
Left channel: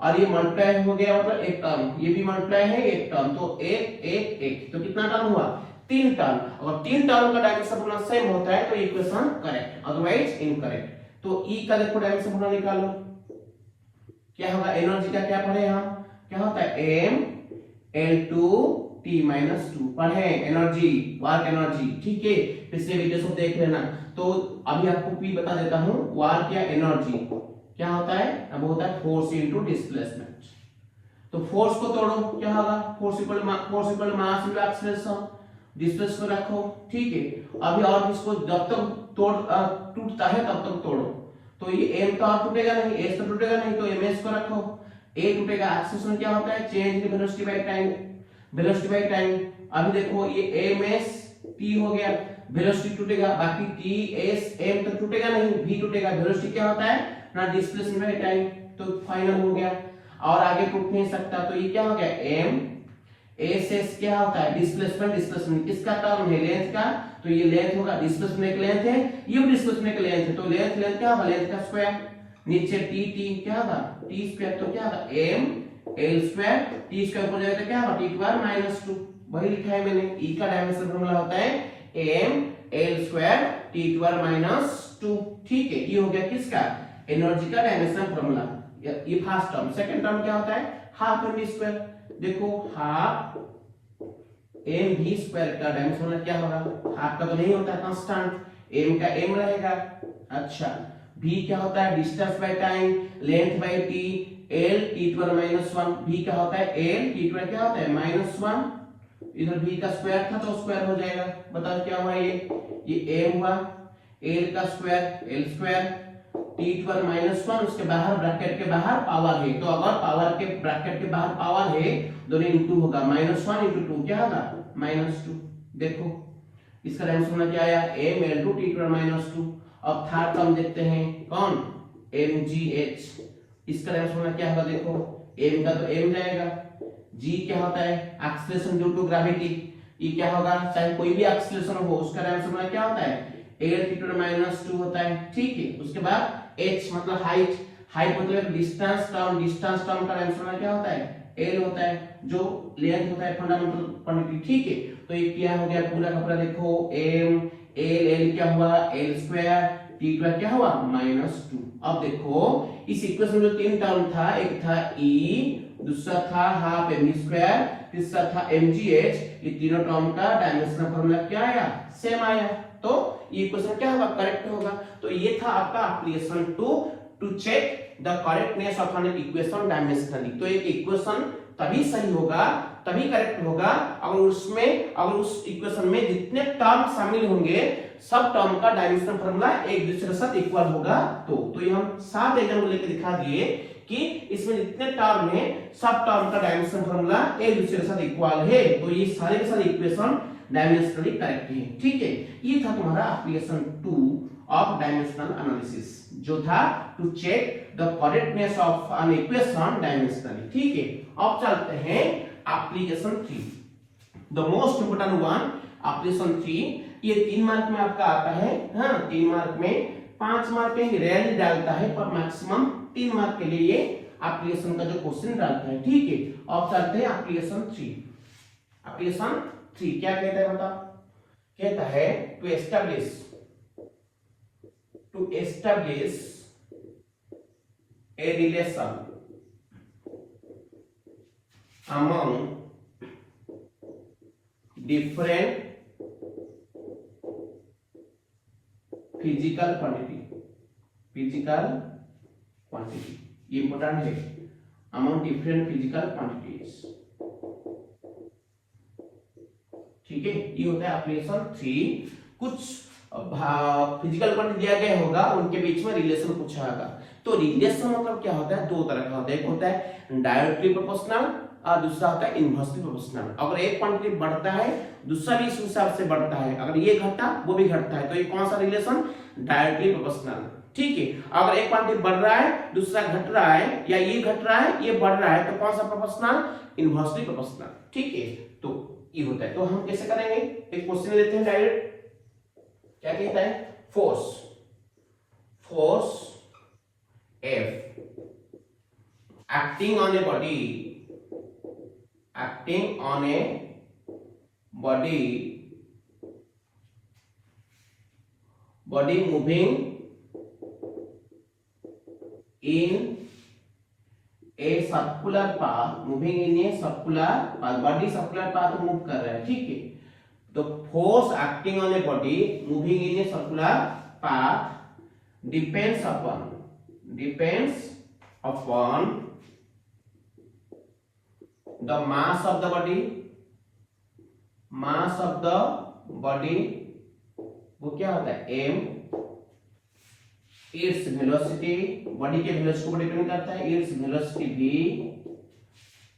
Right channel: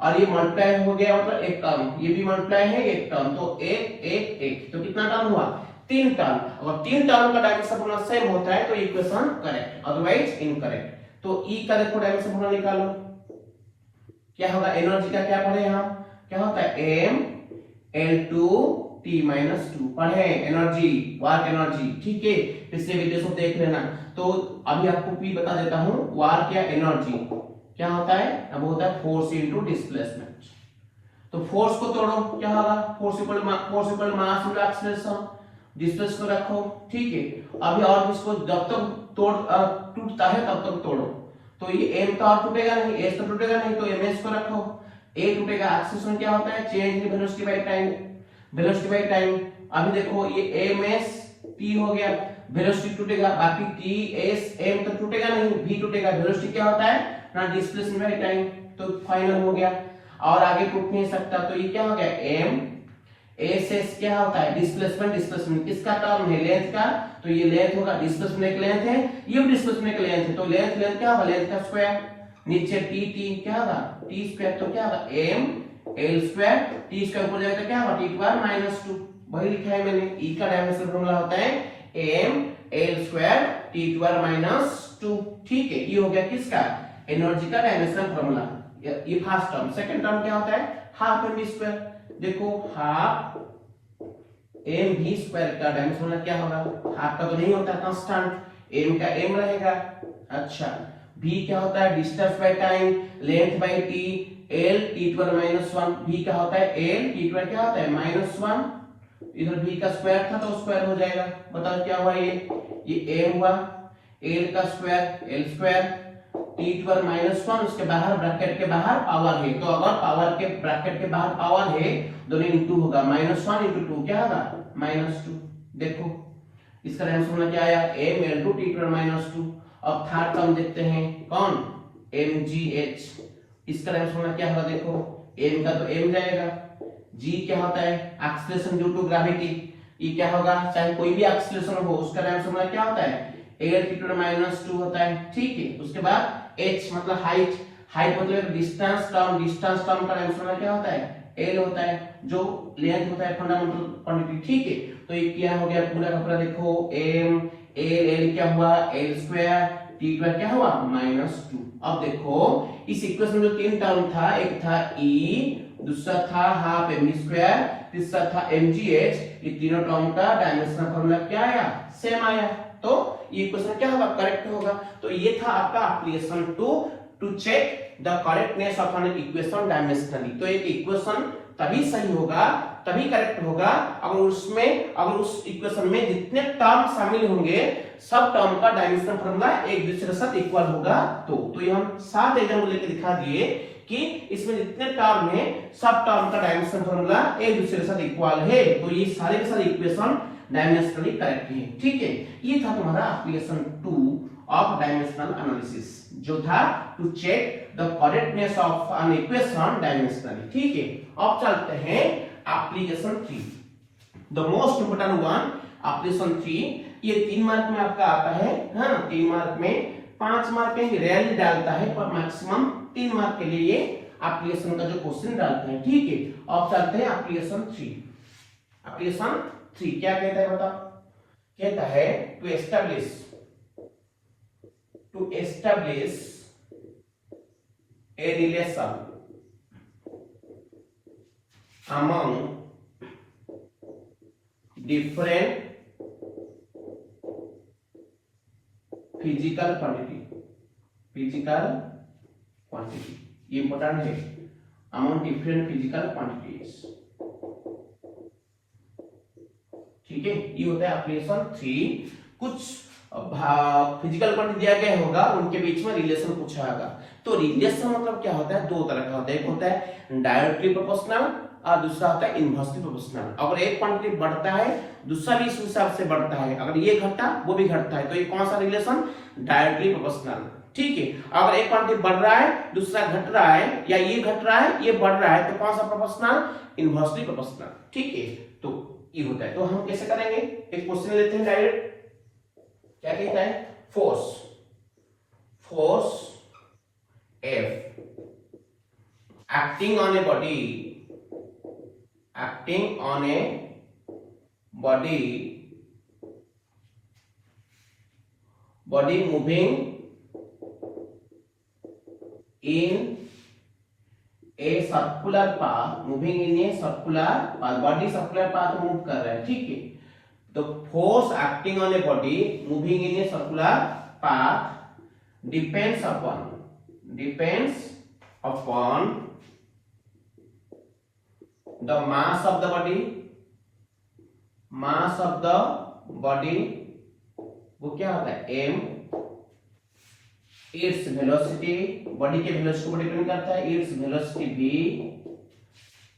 और ये मल्टीप्लाई हो गया मतलब एक टर्म, ये भी मल्टीप्लाई है एक टर्म, तो एक एक एक, तो कितना टर्म हुआ? 3 टर्म। अगर 3 टर्म का डायमेंशन फॉर्मूला सेम होता है तो इक्वेशन करेक्ट, अदरवाइज इनकरेक्ट। तो ई का देखो डायमेंशन फॉर्मूला निकालो, क्या होगा? एनर्जी का क्या पढ़े हम? क्या होता है? m L2 t - 2 पढ़े एनर्जी, वर्क एनर्जी। ठीक है, पिछले वीडियो से देख लेना। तो अभी आपको भी बता देता हूं, वर्क या एनर्जी क्या होता है? अब होता है फोर्स इनटू डिस्प्लेसमेंट। तो फोर्स को तोड़ो, क्या होगा? Force equal mass into acceleration. Distance को रखो। ठीक है, अभी और इसको जब तक टूटता है तब तक तोड़ो। तो ये m तो टूटेगा नहीं, s तो टूटेगा नहीं, तो ms को रखो, a टूटेगा। एक्सीलरेशन क्या होता है? Change in velocity by time, velocity by time. अभी देखो ये ms t हो गया, वेलोसिटी टूटेगा, बाकी t s m तो टूटेगा नहीं, v टूटेगा। वेलोसिटी क्या होता है? ना डिस्प्लेसमेंट बाय टाइम, तो फाइनल हो गया और आगे टूट नहीं सकता। तो ये क्या हो गया? m एस एस क्या होता है? डिस्प्लेसमेंट। डिस्प्लेसमेंट किसका टर्म है? लेंथ का, तो ये लेंथ होगा, डिस्प्लेसमेंट की लेंथ है, ये भी डिस्प्लेसमेंट की लेंथ है, तो लेंथ क्या होगा? लेंथ का स्क्वायर। नीचे टी क्या होगा? टी स्क्वायर, तो क्या होगा? m L², टी स्क्वायर ऊपर जाएगा तो क्या होगा? t² - 2। वही लिखा है मैंने। ई का डायमेंशन फॉर्मूला होता है m L² t² - 2। ठीक है, ये हो गया किसका? एनर्जी का डायमेंशन फॉर्मूला। ये फर्स्ट टर्म। सेकंड टर्म क्या होता है? Half mv²। देखो हाफ mv² का डायमेंशन क्या होगा? हाफ का तो नहीं होता कांस्टेंट, m का m रहेगा। अच्छा, v क्या होता है? Distance by time, length by t, l t² - 1। v का होता है l, t² क्या होता है? -1। इधर v का स्क्वायर था तो स्क्वायर हो जाएगा। बताओ क्या हुआ? ये m हुआ, l का स्क्वायर l², t² - 1, उसके बाहर ब्रैकेट के बाहर पावर है, तो अगर पावर के ब्रैकेट के बाहर पावर है दोनों इनटू होगा, -1 × 2 क्या होगा? -2। देखो इसका डायमेंशन क्या आया? m L2 t² - 2। अब थर्ड टर्म देखते हैं, कौन? mgh। इसका डायमेंशन क्या होगा? देखो m का तो m जाएगा, g क्या होता है? Acceleration due to gravity. ये क्या होगा? चाहे कोई भी एक्सीलरेशन हो उसका डायमेंशन क्या होता है? L t² - 2 होता है। ठीक है, उसके बाद h मतलब हाइट, हाइट मतलब डिस्टेंस टर्म, डिस्टेंस टर्म का डायमेंशन क्या होता है? l होता है, जो लेंथ होता है फंडामेंटल क्वांटिटी। ठीक है, तो ये क्या हो गया पूरा का पूरा? देखो m l क्या हुआ? l² t² क्या हुआ? -2। अब देखो इस इक्वेशन में जो तीन टर्म था, एक था e, दूसरा था हाफ mv², तीसरा था mgh, ये तीनों टर्म का डायमेंशन फॉर्मूला क्या आया? सेम आया। तो ये इक्वेशन क्या होगा? करेक्ट होगा। तो ये था आपका application to check the correctness of an equation dimensionally. तो एक इक्वेशन तभी सही होगा, तभी करेक्ट होगा अगर उस इक्वेशन में जितने टर्म शामिल होंगे सब टर्म का डायमेंशन फॉर्मूला एक दूसरे के साथ इक्वल होगा। तो ये हम 7 एग्जांपल लेके दिखा दिए कि इसमें जितने टर्म है सब टर्म का डायमेंशन फॉर्मूला एक दूसरे के साथ इक्वल है, तो ये सारे के सारे इक्वेशन डायमेंशनली करेक्ट है। ठीक है, ये था तुम्हारा एप्लीकेशन 2 ऑफ डायमेंशनल एनालिसिस, जो था to check the correctness of an equation dimensionally. ठीक है, अब चलते हैं application 3, the most important one, operation 3, ये 3 मार्क में आपका आता है। हाँ, 3 मार्क में, 5 मार्क में रैली डालता है, पर मैक्सिमम 3 मार्क के लिए एप्लीकेशन का जो क्वेश्चन डालता है। ठीक है, अब चलते हैं एप्लीकेशन 3। एप्लीकेशन 3 क्या कहता है बताओ? कहता है to establish a relation among different physical quantity ये इंपॉर्टेंट है, among different physical quantities। ठीक है, ये होता है एप्लीकेशन 3। कुछ फिजिकल क्वांटिटी दिया गया होगा, उनके बीच में रिलेशन पूछा होगा। तो रिलेशन मतलब क्या होता है? दो तरह का होता है, एक होता है डायरेक्टली प्रोपोर्शनल और दूसरा होता है इनवर्सली प्रोपोर्शनल। अगर एक क्वांटिटी बढ़ता है, दूसरा भी इस हिसाब से बढ़ता है, अगर ये घटा वो भी घटता है, तो ये कौन सा रिलेशन? Directly proportional. ठीक है, अगर एक क्वांटिटी बढ़ रहा है, दूसरा घट रहा है, या ये घट रहा है, ये बढ़ रहा है, तो कौन सा प्रोपोर्शनल? Inversely proportional. ठीक है, तो ये होता है। तो हम कैसे करेंगे? एक क्वेश्चन लेते हैं डायरेक्ट। क्या कहता है? Force F acting on a body moving in a circular path, body circular path move कर रहा है। ठीक है, तो force acting on a body moving in a circular path depends upon the mass of the body, वो क्या होता है? m, इट्स वेलोसिटी, बॉडी के वेलोसिटी को डिपेंड करता है, its velocity v,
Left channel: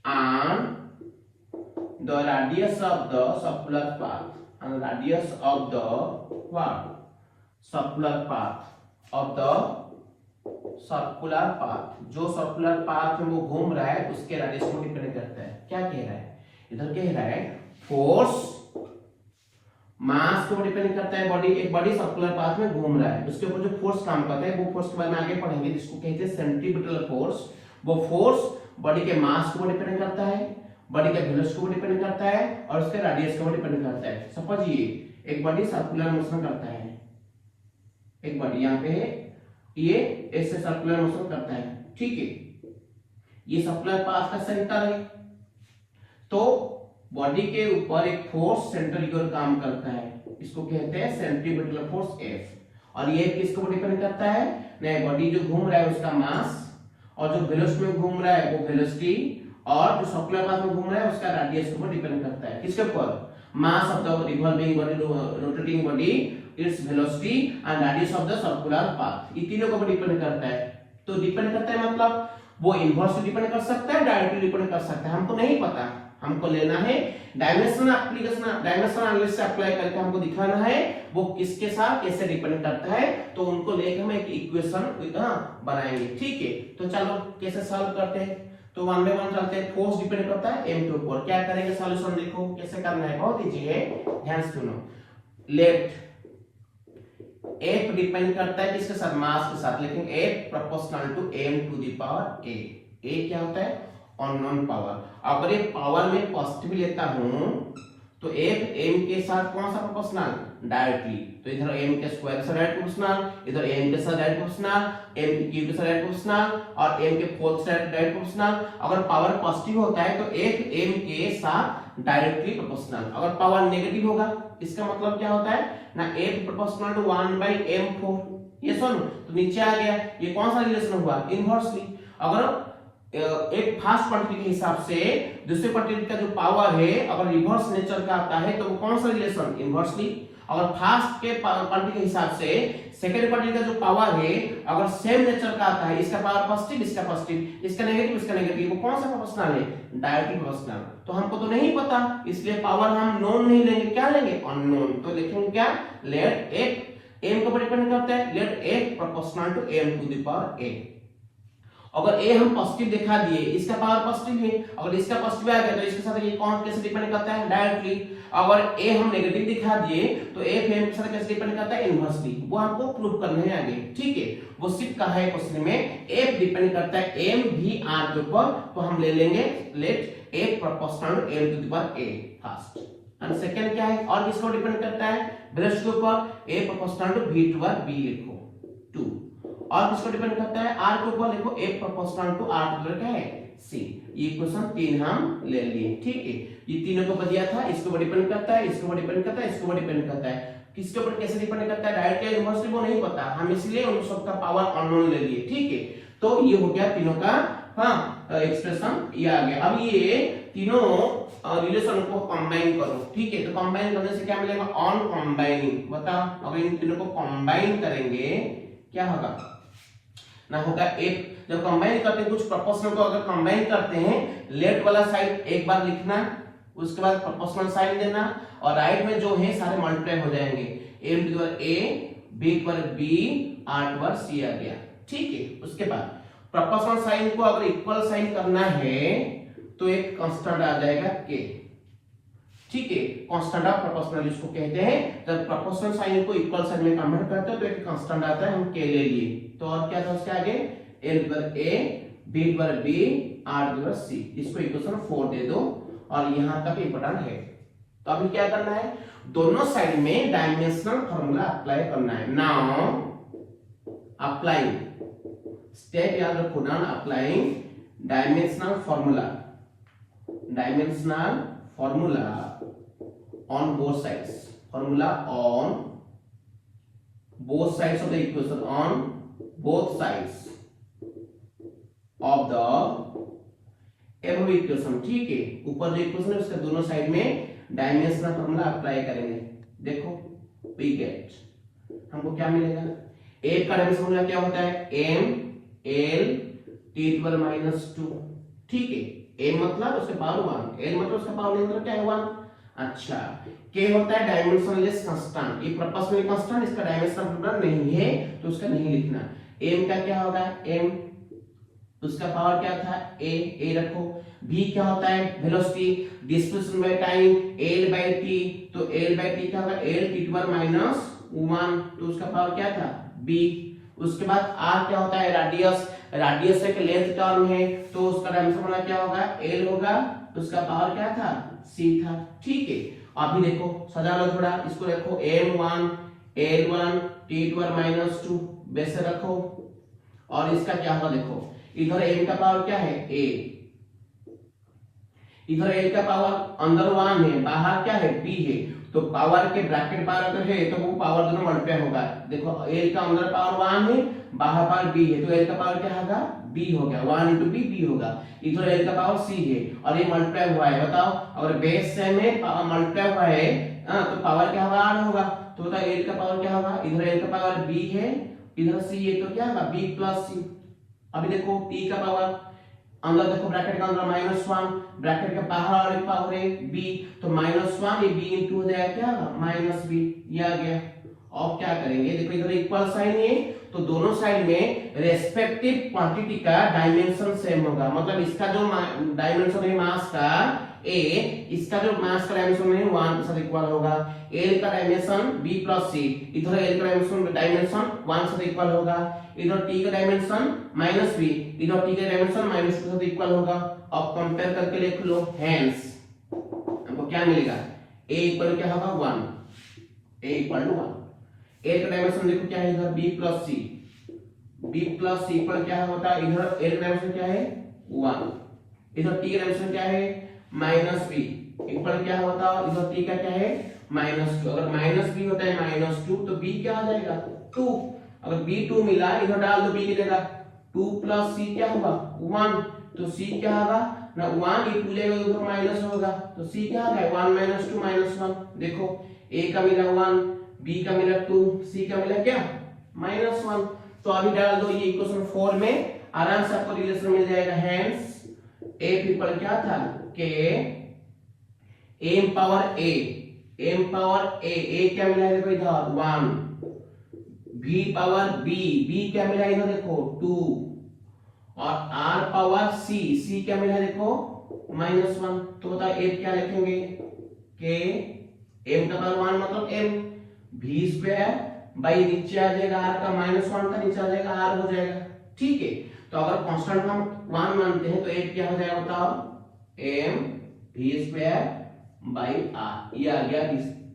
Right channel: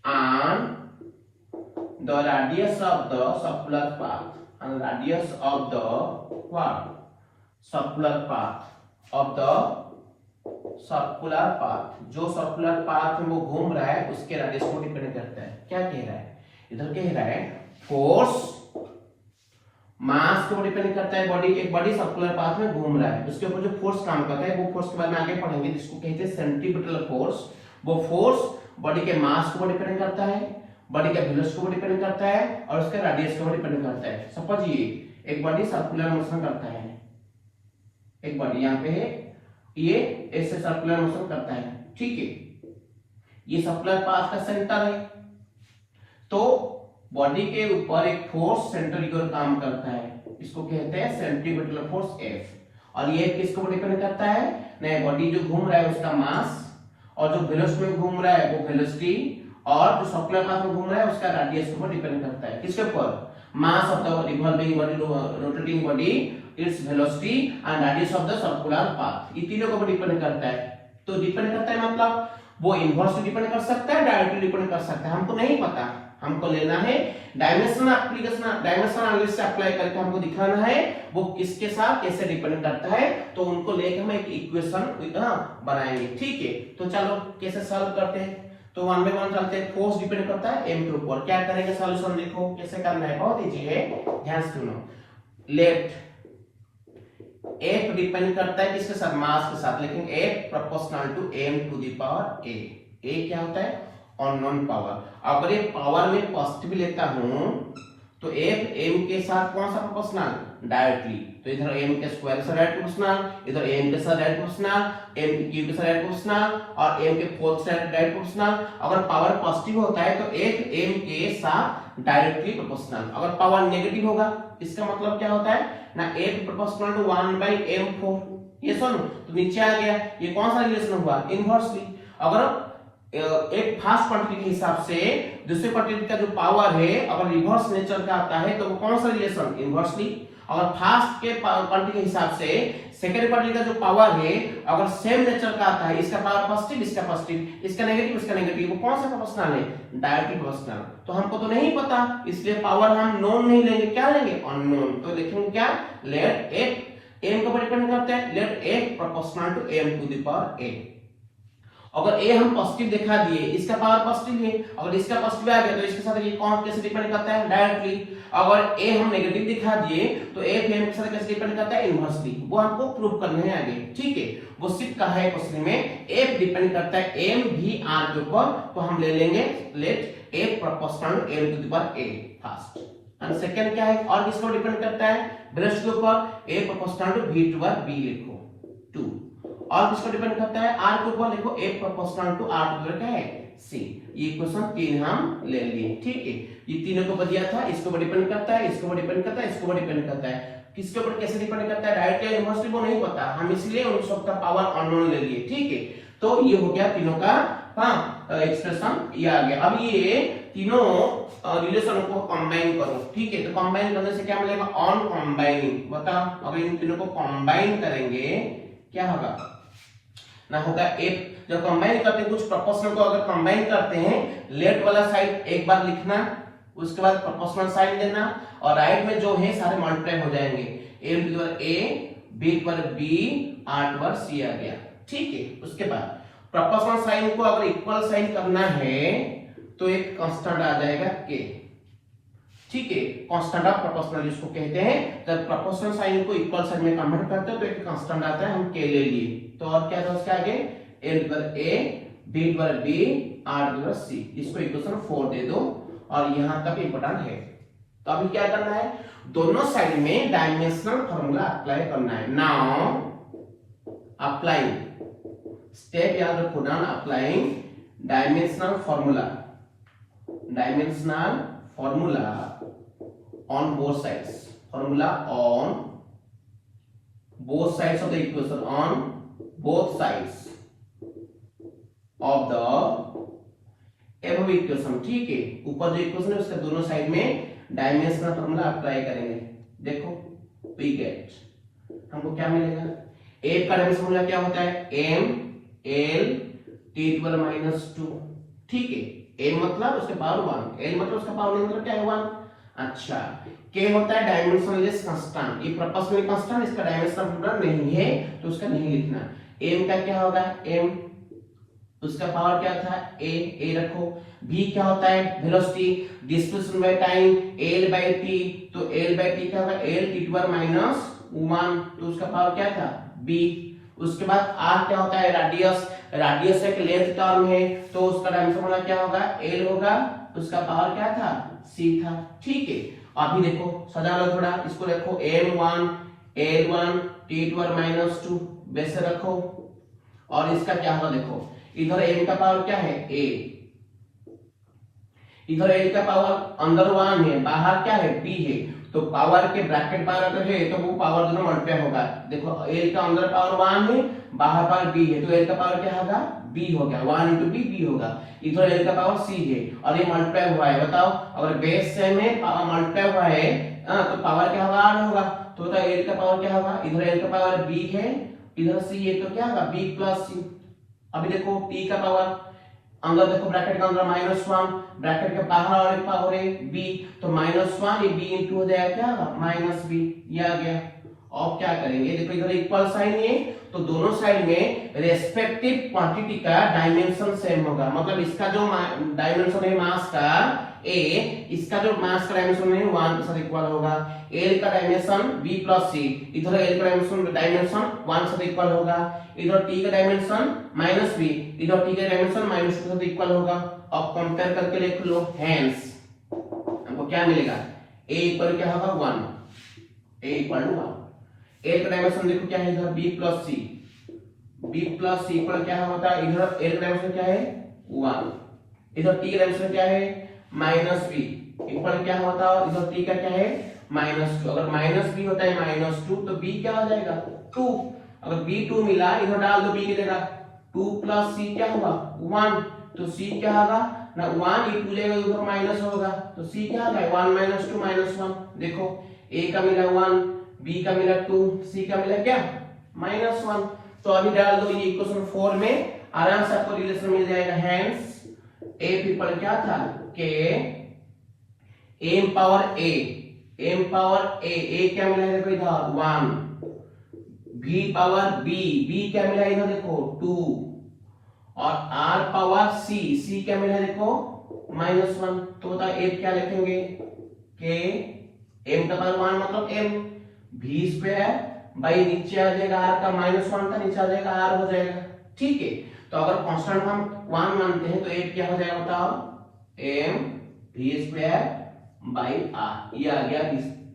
and the radius of the circular path, जो circular path में वो घूम रहा है उसके रेडियस को डिपेंड करता है। क्या कह रहा है? इधर कह रहा है फोर्स मास को डिपेंड करता है। बॉडी, एक बॉडी सर्कुलर पाथ में घूम रहा है, उसके ऊपर जो फोर्स काम करता है, वो फोर्स के बारे में आगे पढ़ेंगे, जिसको कहते हैं सेंट्रीपिटल फोर्स। वो फोर्स बॉडी के मास को डिपेंड करता है, बॉडी का वेलोसिटी को डिपेंड करता है, और उसके रेडियस को डिपेंड करता है। सपोज ये एक बॉडी सर्कुलर मोशन करता है, एक बॉडी यहाँ पे है, ये ऐसे सर्कुलर मोशन करता है। ठीक है, ये सर्कुलर पाथ का सेंटर है, तो बॉडी के ऊपर एक फोर्स सेंटर की ओर काम करता है, इसको कहते हैं सेंट्रीपिटल फोर्स F। और ये किसको डिपेंड करता है? नहीं, बॉडी जो घूम रहा है उसका मास, और जो वेलोसिटी में घूम रहा है वो वेलोसिटी, और जो सर्कुलर पाथ में घूम रहा है उसका रेडियस के ऊपर डिपेंड करता है। किसके ऊपर? Mass of the revolving body, rotating body, its velocity and radius of the circular path, ये तीनों के ऊपर डिपेंड करता है। तो डिपेंड करता है मतलब वो इनवर्सली डिपेंड कर सकता है, डायरेक्टली डिपेंड कर सकता है, हमको नहीं पता। हमको लेना है डायमेंशन एनालिसिस से अप्लाई करके हमको दिखाना है वो किसके साथ कैसे डिपेंड करता है, तो उनको लेकर हम एक इक्वेशन बनाएंगे। ठीक है, तो चलो कैसे सॉल्व करते हैं? तो 1 बाय 1 चलते हैं। फोर्स डिपेंड करता है m के ऊपर, क्या करेंगे सॉल्यूशन? देखो कैसे करना है, बहुत इजी है, ध्यान से सुनो। लेट F डिपेंड करता है किसके साथ? मास के साथ, लेकिन F proportional to m to the power a। a क्या होता है? Unknown power. अगर ये पावर में पॉजिटिव लेता हूं तो F m के साथ कौन सा प्रोपोर्शनल? डायरेक्टली। तो इधर m के स्क्वायर के साथ डायरेक्ट प्रोपोर्शनल, इधर m के साथ डायरेक्ट प्रोपोर्शनल, m के क्यूब के साथ डायरेक्ट प्रोपोर्शनल, और m के फोर्थ के साथ डायरेक्ट प्रोपोर्शनल। अगर पावर पॉजिटिव होता है तो F m के साथ डायरेक्टली प्रोपोर्शनल। अगर पावर नेगेटिव होगा, इसका मतलब क्या होता है ना? F proportional to 1 by m4। ये सुनो, तो नीचे आ गया, ये कौन सा रिलेशन हुआ? इनवर्सली। अगर एक फास्ट क्वांटिटी के हिसाब से दूसरे क्वांटिटी का जो पावर है अगर रिवर्स नेचर का आता है तो वो कौन सा रिलेशन? इनवर्सली। अगर फास्ट के क्वांटिटी के हिसाब से सेकंड क्वांटिटी का जो पावर है अगर सेम नेचर का आता है, इसका पावर पॉजिटिव, इसका पॉजिटिव, इसका नेगेटिव, इसका नेगेटिव, वो कौन सा प्रोपोर्शनल है? Directly proportional. तो हमको तो नहीं पता, इसलिए पावर हम नोन नहीं लेंगे, क्या लेंगे? अननोन। तो देखेंगे क्या? लेट f m को डिपेंड करता है, let f proportional to m to the power a। अगर ए हम पॉजिटिव दिखा दिए, इसका पावर पॉजिटिव है, अगर इसका पॉजिटिव आ गया तो इसके साथ ये कौन कैसे डिपेंड करता है डायरेक्टली। अगर ए हम नेगेटिव दिखा दिए तो ए भी के साथ कैसे डिपेंड करता है इनवर्सली, वो हमको प्रूव करने हैं आगे, ठीक है। वो सिर्फ कहा है क्वेश्चन में ए डिपेंड करता है एम भी आर के ऊपर, तो हम ले लेंगे let a proportional to l to the power a first. And second क्या है, और किसको डिपेंड करता है वेलोसिटी के ऊपर, a proportional to v to power b लिखो 2। और किसको डिपेंड करता है r के ऊपर, लिखो a proportional to r to क्या है c। ये क्वेश्चन 3 हम ले लिए, ठीक है। ये तीनों को दिया था, इसको ऊपर डिपेंड करता है, इसको ऊपर डिपेंड करता है, इसको ऊपर डिपेंड करता है। किसके ऊपर कैसे डिपेंड करता है डायरेक्टली इनवर्सली वो नहीं पता, हम इसलिए उन सब का पावर अननोन ले लिए, ठीक है। तो ये हो गया तीनों का एक्सप्रेशन, ये आ गया। अब ये तीनों रिलेशन को कंबाइन करो, ठीक है। तो कंबाइन करने से क्या मिलेगा, ऑन कंबाइनिंग, बताओ अगर इन तीनों को कंबाइन करेंगे क्या होगा ना, होगा एक। जब कंबाइन करते हैं कुछ प्रोपोर्शनल को अगर कंबाइन करते हैं, लेफ्ट वाला साइड एक बार लिखना, उसके बाद प्रोपोर्शनल साइड लेना, और राइट में जो है सारे मल्टीप्लाई हो जाएंगे, a to the power a, b to power b, r to power c आ गया, ठीक है। उसके बाद प्रोपोर्शनल साइन को अगर इक्वल साइन करना है तो एक कांस्टेंट आ जाएगा k, ठीक है। कांस्टेंट ऑफ प्रोपोर्शनल जिसको कहते हैं, जब प्रोपोर्शनल साइन को इक्वल साइन में कन्वर्ट करते हैं तो एक कांस्टेंट आता है, हम k ले लिए। तो और क्या था उसके आगे, a to power a, b to power b, r to power c। इसको इक्वेशन 4 दे दो, और यहां तक इंपॉर्टेंट है। तो अभी क्या करना है, दोनों साइड में डायमेंशनल फार्मूला अप्लाई करना है। नाउ अप्लाइंग, स्टेप याद रखो, now applying dimensional formula, dimensional formula on both sides, formula on both sides of the equation, on both sides of the above equation, ठीक है। ऊपर जो इक्वेशन है उसके दोनों साइड में डायमेंशनल फार्मूला अप्लाई करेंगे। देखो we get, हमको क्या मिलेगा, a का डायमेंशन फार्मूला क्या होता है, m l t to power -2, ठीक है। m मतलब उसके पावर 1, l मतलब उसका पावर नहीं, मतलब क्या है 1। अच्छा, k होता है डायमेंशनलेस कांस्टेंट, ये प्रोपोर्शनल कांस्टेंट, इसका डायमेंशनल फार्मूला नहीं है तो उसका नहीं लिखना। m का क्या होगा, m उसका पावर क्या था a रखो। v क्या होता है velocity, displacement by time, l by t, तो l बाय t क्या होगा, l t टू पावर -1, तो उसका पावर क्या था b। उसके बाद r क्या होता है रेडियस, रेडियस एक लेंथ टर्म है, तो उसका डायमेंशन फार्मूला क्या होगा, l होगा, उसका पावर क्या था c था, ठीक है। अभी देखो सजा लो थोड़ा, इसको देखो m1 l1 t to power -2 वैसे रखो, और इसका क्या होगा देखो, इधर m का पावर क्या है a, इधर a का पावर अंदर 1 है, बाहर क्या है b है, तो पावर के ब्रैकेट पावर अगर है तो वो पावर दोनों मल्टीप्लाई होगा। देखो a का अंदर पावर 1 है, बाहर पावर b है, तो a का पावर क्या होगा b हो गया, 1 into b होगा। इधर l का पावर c है और ये मल्टीप्लाई हुआ है, बताओ अगर बेस से में पावर मल्टीप्लाई हुआ है तो पावर क्या होगा r होगा, तो बताओ l का पावर क्या होगा, इधर l का पावर b है, इधर c है, तो क्या होगा b प्लस c। अभी देखो t का पावर अंदर देखो ब्रैकेट के अंदर -1, ब्रैकेट के बाहर वाली पावर है b, तो -1 ये b इंटू हो जाएगा क्या होगा -b, ये आ गया। और क्या करेंगे, देखो इधर इक्वल साइन है तो दोनों साइड में रेस्पेक्टिव क्वांटिटी का डायमेंशन सेम होगा, मतलब इसका जो डायमेंशन है मास का a, इसका जो मास का डायमेंशन है 1 के साथ इक्वल होगा। l का डायमेंशन b प्लस c, इधर l का डायमेंशन 1 के साथ इक्वल होगा, इधर t का डायमेंशन -b, इधर t का डायमेंशन -2 के साथ इक्वल होगा। अब कंपेयर करके लिख लो, हेंस हमको क्या मिलेगा, a इक्वल क्या होगा 1, a इक्वल टू 1। l का डायमेंशन देखो क्या है, इधर b plus c, b plus c equal क्या होता है, इधर l का डायमेंशन क्या है 1, इधर t का डायमेंशन क्या है -b इक्वल क्या होता है, इधर t का क्या है -2, अगर -b होता है -2 तो b क्या हो जाएगा 2, अगर b 2 मिला इधर डाल दो b की जगह, 2 प्लस c क्या होगा 1, तो c क्या होगा ना 1 ये 2 लेगा उधर माइनस होगा, तो c क्या होगा 1 -2 -1। देखो a का मिला 1, b का मिला 2, c का मिला क्या -1, तो अभी डाल दो ये इक्वेशन 4 में, आराम से आपको रिलेशन मिल जाएगा। हेंस a इक्वल क्या था k m power a, m power a क्या मिला है देखो इधर 1, v पावर b, b क्या मिला इधर देखो 2, और r पावर c क्या मिला देखो -1, तो बता f क्या लिखेंगे k m का पावर 1 मतलब m v स्क्वायर बाई नीचे आ जाएगा r का -1 था, नीचे आ जाएगा r हो जाएगा। ठीक है, तो अगर कांस्टेंट हम 1 मानते हैं तो f क्या हो जाएगा बताओ m v square by r। ये आ गया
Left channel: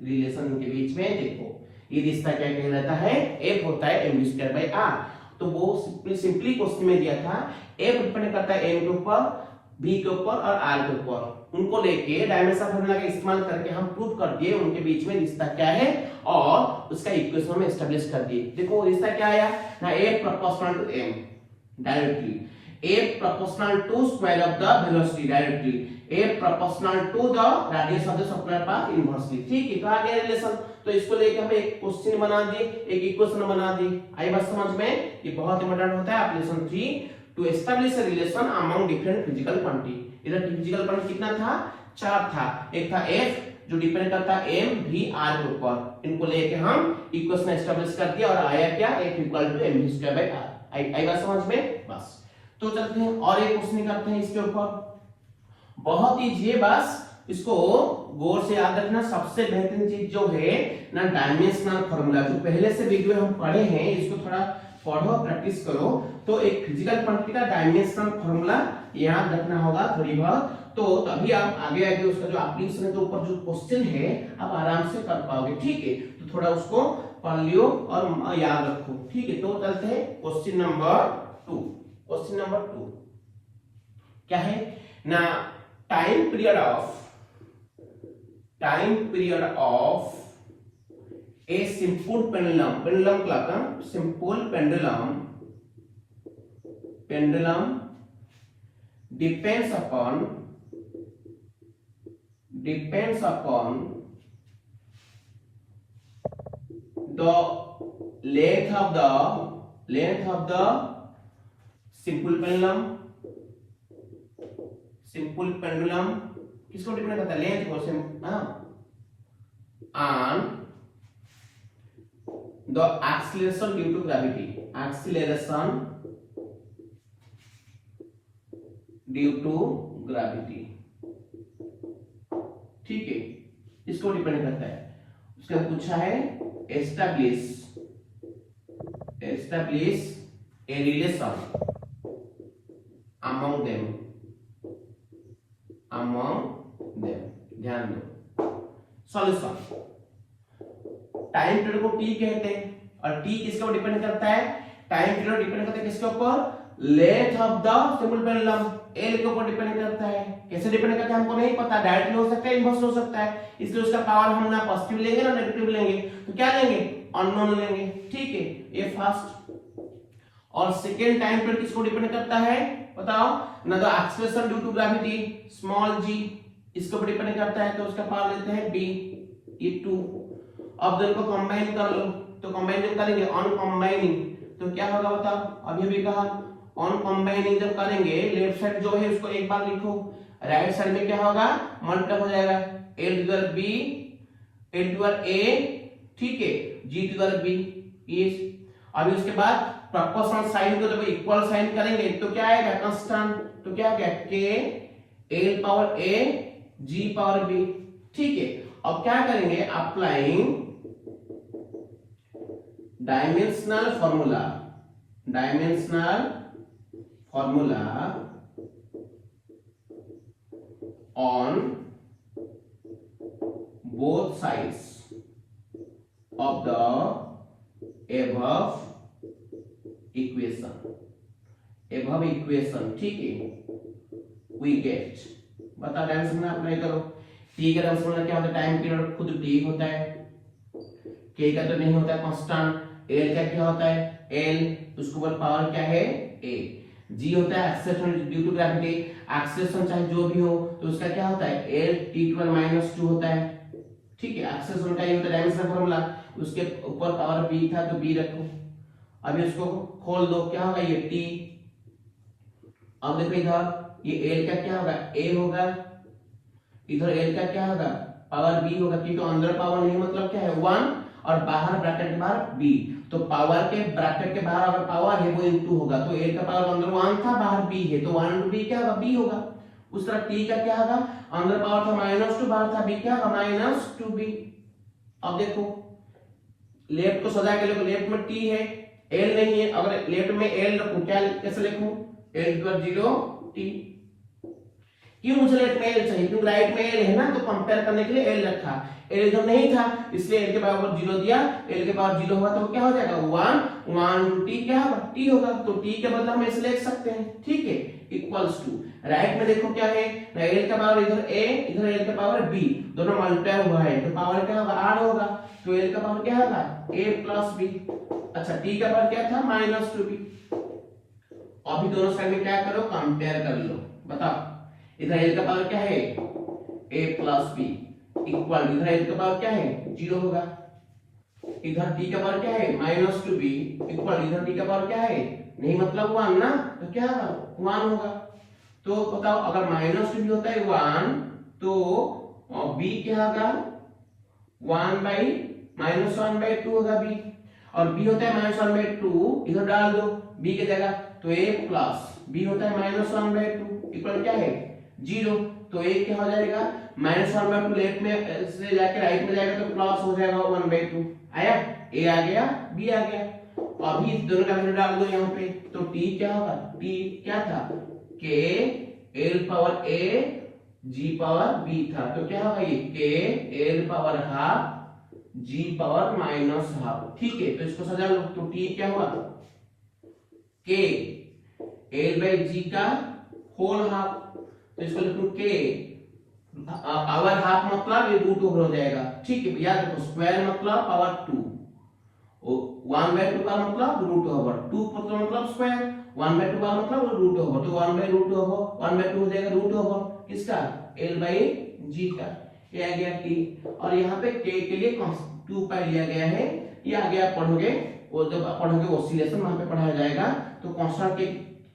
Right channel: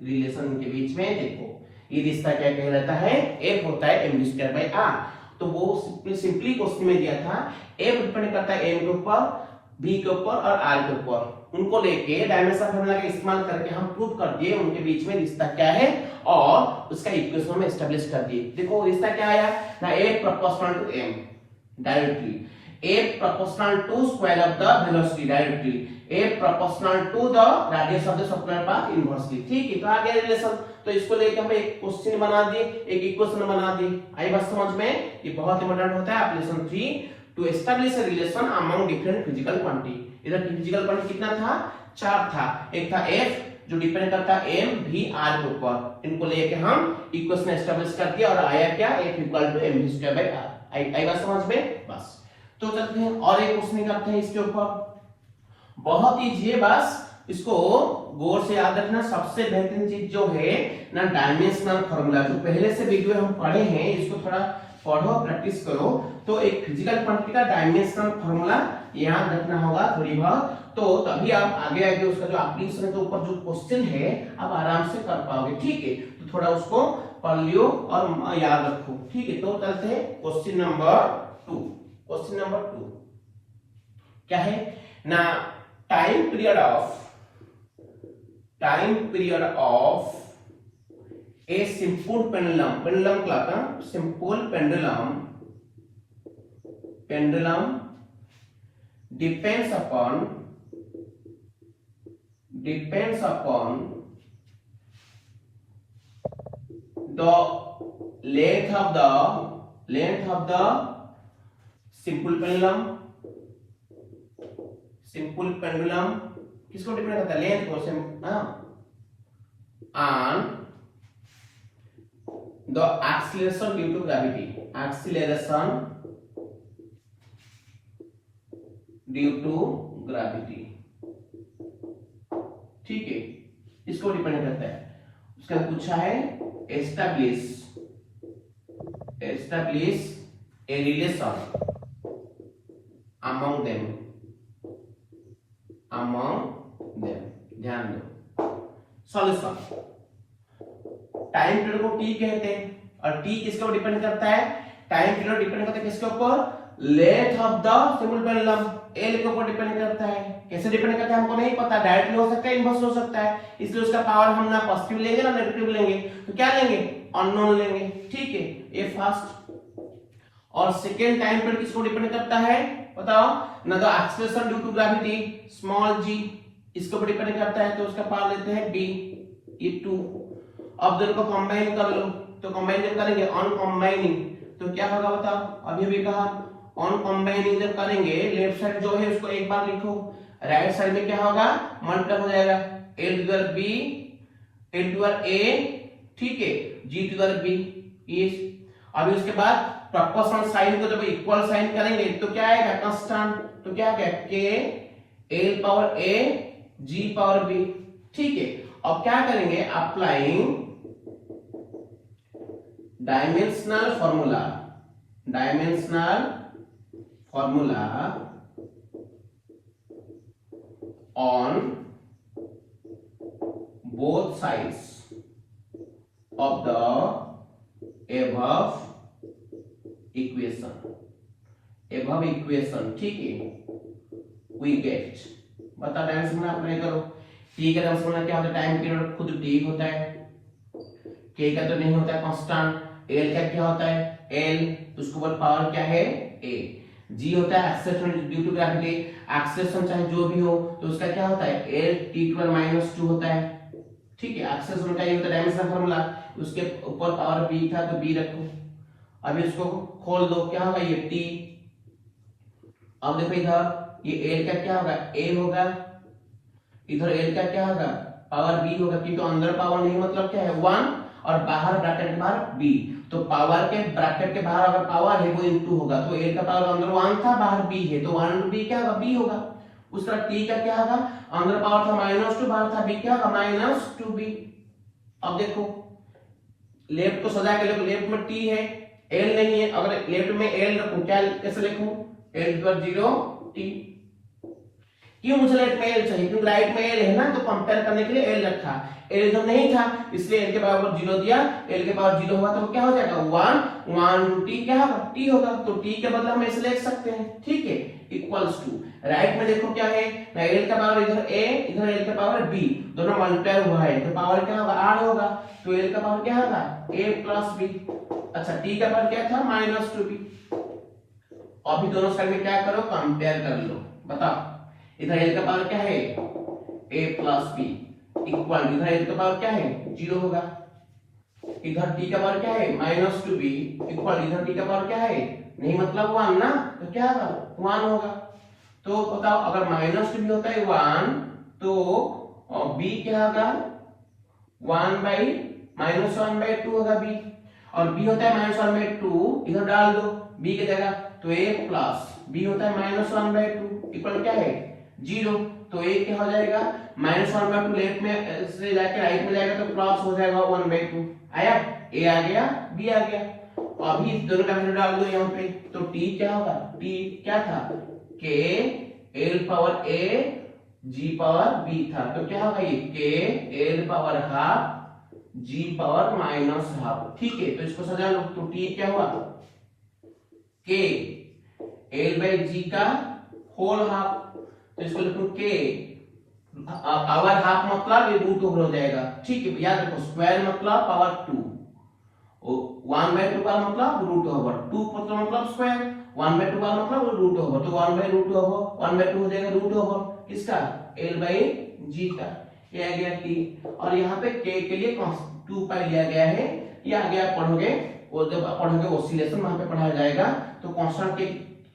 रिलेशन के बीच में। देखो ये रिश्ता क्या कहलाता है, f होता है m v square by r। तो वो सिंपली क्वेश्चन में दिया था f डिपेंड करता है m के ऊपर, v के ऊपर और r के ऊपर। उनको लेके डायमेंशन फार्मूला का इस्तेमाल करके हम प्रूव कर दिए उनके बीच में रिश्ता क्या है और उसका इक्वेशन में एस्टैब्लिश कर दिए। देखो रिश्ता क्या आया ना, f proportional to m directly, f proportional to square of the velocity directly, f proportional to the radius of the circular path inversely. ठीक है, तो आ गया रिलेशन। तो इसको लेके हम एक क्वेश्चन बना दिए, एक इक्वेशन बना दिए। आई बात समझ में? ये बहुत इंपॉर्टेंट होता है application 3 to establish a relation among different physical quantity. इधर फिजिकल क्वांटिटी कितना था, 4 था। एक था f जो डिपेंड करता है m v r के ऊपर। इनको लेके हम इक्वेशन एस्टैब्लिश कर दिया और आया क्या f equal to m v square by r। आई बात समझ में? बस तो चलते हैं और एक क्वेश्चन करते हैं इसके ऊपर। बहुत इजी है, बस इसको गौर से याद रखना। सबसे बेहतरीन चीज जो है ना डायमेंशनल फार्मूला, जो पहले से वीडियो हम पढ़े हैं, इसको थोड़ा पढ़ो प्रैक्टिस करो। तो एक फिजिकल क्वांटिटी का डायमेंशनल फार्मूला याद रखना होगा थोड़ी बहुत, तो तभी आप आगे आगे उसका जो एप्लीकेशन के ऊपर जो क्वेश्चन है आप आराम से कर पाओगे। ठीक है, तो थोड़ा उसको पढ़ लियो और याद रखो। ठीक है, तो चलते हैं क्वेश्चन नंबर 2। क्वेश्चन नंबर 2 क्या है ना, time period of a simple pendulum clock, simple pendulum depends upon the length of the simple pendulum किसको डिपेंड करता है, लेंथ को, and the acceleration due to gravity, ठीक है, इसको डिपेंड करता है। उसका पूछा है establish a relation among them। ध्यान दो। सॉल्यूशन, टाइम पीरियड को t कहते हैं और t किसके ऊपर डिपेंड करता है, टाइम पीरियड डिपेंड करता है किसके ऊपर, length of the simple pendulum l के ऊपर डिपेंड करता है। कैसे डिपेंड करता है हमको नहीं पता, डायरेक्टली हो सकता है, इनवर्स हो सकता है, इसलिए उसका पावर हम ना पॉजिटिव लेंगे ना नेगेटिव लेंगे, तो क्या लेंगे, अननोन लेंगे। ठीक है, ये फर्स्ट। और सेकेंड टाइम पीरियड किसको डिपेंड करता है बताओ ना, the acceleration due to gravity small g, इसके ऊपर डिपेंड करता है, तो उसका पावर लेते हैं b, ये 2। अब दोनों को कंबाइन कर लो, तो कंबाइन जब करेंगे ऑन कंबाइनिंग तो क्या होगा बताओ, अभी भी कहा ऑन कंबाइनिंग जब करेंगे लेफ्ट साइड जो है उसको एक बार लिखो, राइट साइड में क्या होगा मल्टीप्लाई हो जाएगा, a to the b a to the a, ठीक है, g to the b is. अभी उसके बाद प्रोपोर्शनल साइन को जब इक्वल साइन करेंगे तो क्या आएगा कांस्टेंट, तो क्या आएगा k a power a g power b। ठीक है, अब क्या करेंगे, applying dimensional formula on both sides of the above equation, ठीक है, we get, बता डायमेंशन अप्लाई करो। t का डायमेंशन क्या होता है, टाइम पीरियड खुद t होता है, k का तो नहीं होता है कांस्टेंट, l का क्या होता है l, उसके ऊपर पावर क्या है a, g होता है acceleration due to gravity, acceleration चाहे जो भी हो तो उसका क्या होता है l t⁻² होता है। ठीक है, एक्सेलरेशन का ये होता है डायमेंशनल फार्मूला, उसके ऊपर पावर b था तो b रखो। अभी उसको खोल दो, क्या होगा ये t, अब देखो इधर ये l का क्या होगा a होगा, इधर l का क्या होगा पावर b होगा, क्योंकि अंदर पावर नहीं मतलब क्या है 1 और बाहर ब्रैकेट बाहर b, तो पावर के ब्रैकेट के बाहर अगर पावर है वो इनटू होगा, तो a का पावर अंदर 1 था बाहर b है, तो 1 into b क्या होगा b होगा। उस तरह t का क्या होगा, अंदर पावर था -2 बाहर था b क्या होगा -2b। अब देखो लेफ्ट को सजा के देखो, लेफ्ट में t है l नहीं है, अगर लेफ्ट में l रखूं क्या कैसे लिखूं, l पर 0 t। क्यों मुझे लेफ्ट में l चाहिए, क्योंकि राइट में l है ना, तो कंपेयर करने के लिए l रखा, l इधर नहीं था इसलिए l के बराबर 0 दिया, l के बराबर 0 हुआ तो क्या हो जाएगा 1 t क्या होगा t होगा, तो t के बदले हम ऐसे लिख सकते हैं, ठीक है, इक्वल्स टू राइट में देखो क्या है ना, l का पावर इधर a इधर l का पावर b, दोनों मल्टीप्लाई हुआ है तो पावर क्या होगा 8 होगा, तो l का पावर क्या होगा a प्लस b। अच्छा t का पावर क्या था -2b। अभी दोनों साइड में क्या करो कंपेयर कर लो, बताओ इधर l का पावर क्या है a प्लस b इक्वल, इधर l का पावर क्या है 0 होगा, इधर t का पावर क्या है -2b इक्वल, इधर t का पावर क्या है नहीं मतलब 1 ना, तो क्या होगा 1 होगा। तो बताओ अगर -2b होता है 1 तो b क्या होगा 1/-1/2 होगा b, और b होता है -1/2, इधर डाल दो b की जगह, तो a प्लस b होता है -1/2 इक्वल क्या है 0, तो a क्या हो जाएगा -1/2 लेफ्ट में से जाके राइट में जाएगा तो प्लस हो जाएगा 1/2, आया a आ गया b आ गया। अभी इस दोनों का वैल्यू डाल दो यहाँ पे, तो t क्या होगा, t क्या था k l power a g power b था, तो क्या होगा ये k l power half g power -half, ठीक है, तो इसको सजा लो, तो t क्या हुआ k l/g का होल हाफ, तो इसको लिखो k पावर हाफ मतलब ये रूट ओवर हो जाएगा, ठीक है, याद रखो स्क्वायर मतलब पावर 2, 1/2 का मतलब रूट ओवर, 2 का मतलब स्क्वायर, 1/2 का मतलब रूट ओवर, तो 1/√2 हो जाएगा रूट ओवर किसका l/g का, ये आ गया t। और यहाँ पे k के लिए 2 पाई लिया गया है, ये आगे आप पढ़ोगे, वो जब आप पढ़ोगे ओसिलेशन वहां पे पढ़ाया जाएगा, तो कांस्टेंट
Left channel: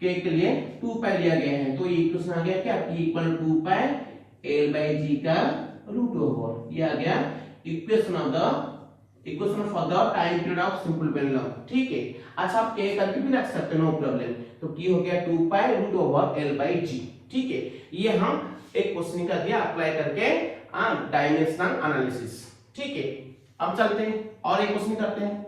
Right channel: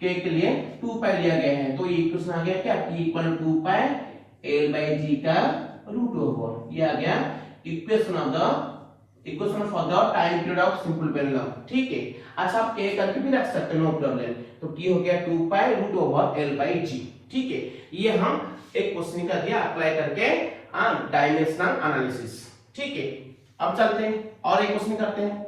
k के लिए 2 पाई लिया गया है, तो ये इक्वेशन आ गया क्या t = 2 पाई l/g का रूट ओवर, ये आ गया equation for the time period of simple pendulum, ठीक है। अच्छा आप a करके भी रख सकते हैं, नो प्रॉब्लम, तो t हो गया 2 पाई रूट ओवर l/g, ठीक है। ये हम एक क्वेश्चन कर दिया अप्लाई करके डायमेंशनल एनालिसिस, ठीक है। अब चलते हैं और एक क्वेश्चन करते हैं,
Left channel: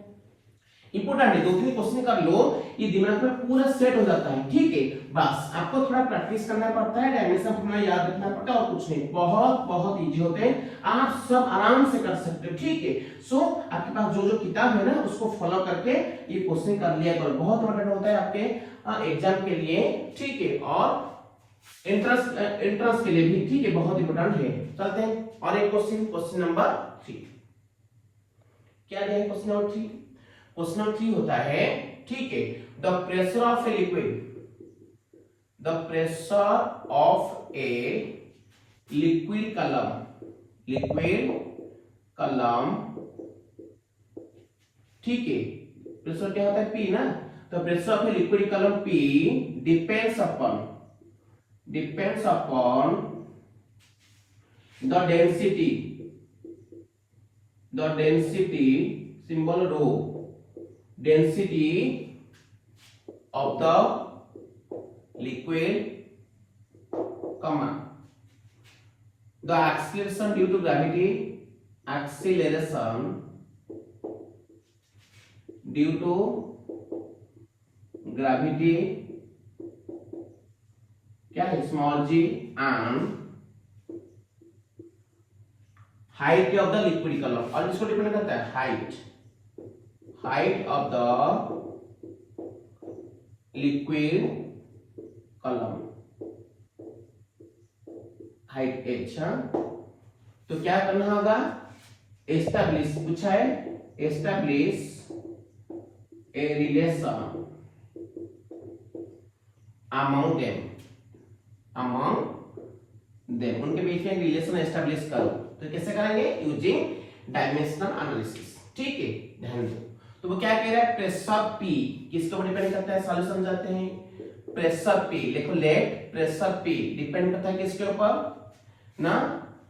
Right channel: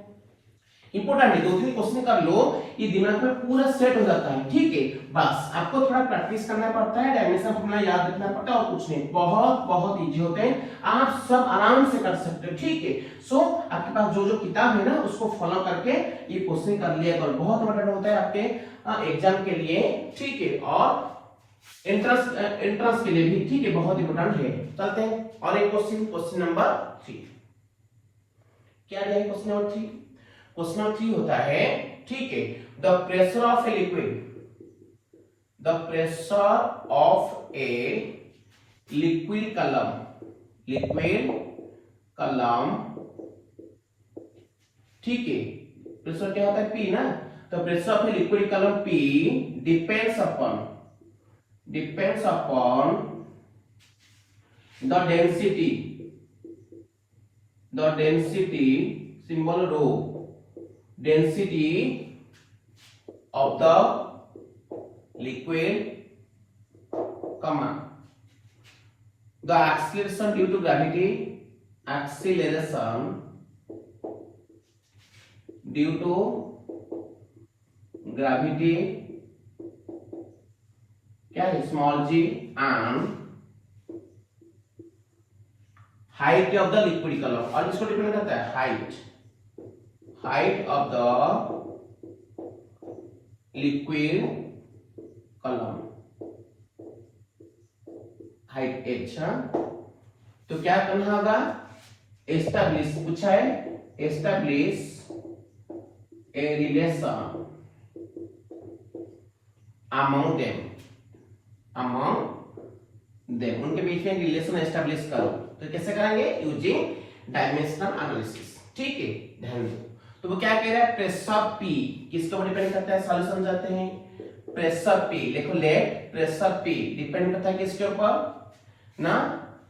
इंपॉर्टेंट है, 2-3 क्वेश्चन कर लो, ये दिमाग में पूरा सेट हो जाता है, ठीक है। बस आपको थोड़ा प्रैक्टिस करना पड़ता है, डायमेंशन फॉर्मूला याद रखना पड़ता है, और कुछ नहीं, बहुत बहुत इजी होते हैं, आप सब आराम से कर सकते हो, ठीक है। सो आपके पास जो जो किताब है ना उसको फॉलो करके ये क्वेश्चन कर लिया करो, बहुत इंपॉर्टेंट होता है आपके एग्जाम के लिए, ठीक है, और एंट्रेंस के लिए भी, ठीक है, बहुत इंपॉर्टेंट है। चलते हैं और एक क्वेश्चन नंबर 3, क्या है क्वेश्चन नंबर 3? क्वेश्चन नंबर 3 होता है, ठीक है, the pressure of a liquid कलम, ठीक है, प्रेशर क्या होता है P ना, तो प्रेशर ऑफ ए लिक्विड कलम P depends upon the density symbol rho, density of the liquid, comma, the acceleration due to gravity, क्या है small g, and height of the liquid कलम, और इसको डिपेंड करता है हाइट ऑफ द लिक्विड कलम, height h, तो क्या करना होगा, एस्टैब्लिश पूछा है, establish a relation among them, उनके बीच में रिलेशन एस्टैब्लिश करो, तो कैसे करेंगे, यूजिंग डायमेंशनल एनालिसिस, ठीक है, ध्यान दो। तो वो क्या कह रहा है, प्रेशर P किसके ऊपर डिपेंड करता है, सॉल्यूशन जाते हैं, प्रेशर P देखो, प्रेशर P डिपेंड करता है किसके ऊपर ना,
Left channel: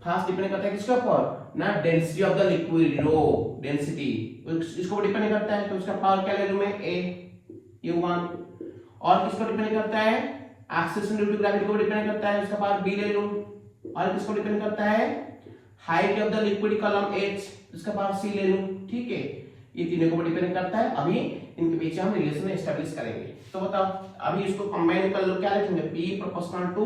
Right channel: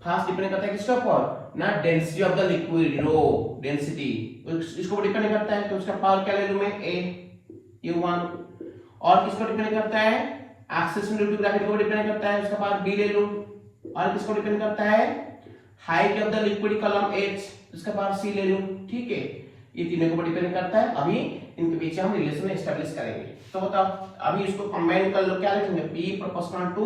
फर्स्ट डिपेंड करता है किसके ऊपर, ना density of the liquid, rho density, इसको डिपेंड करता है, तो उसका पावर क्या ले लूं मैं, a, ये 1। और किसको डिपेंड करता है, एक्सेलरेशन ड्यू टू ग्रेविटी को डिपेंड करता है, उसका पावर b ले लूं। और किसको डिपेंड करता है, height of the liquid column h, उसका पावर c ले लूं। ठीक है, ये तीनों को डिपेंड करता है। अभी इनके बीच हम रिलेशन एस्टैब्लिश करेंगे। तो बताओ, अभी इसको कंबाइन कर लो, क्या लिखेंगे, p प्रोपोर्शनल टू,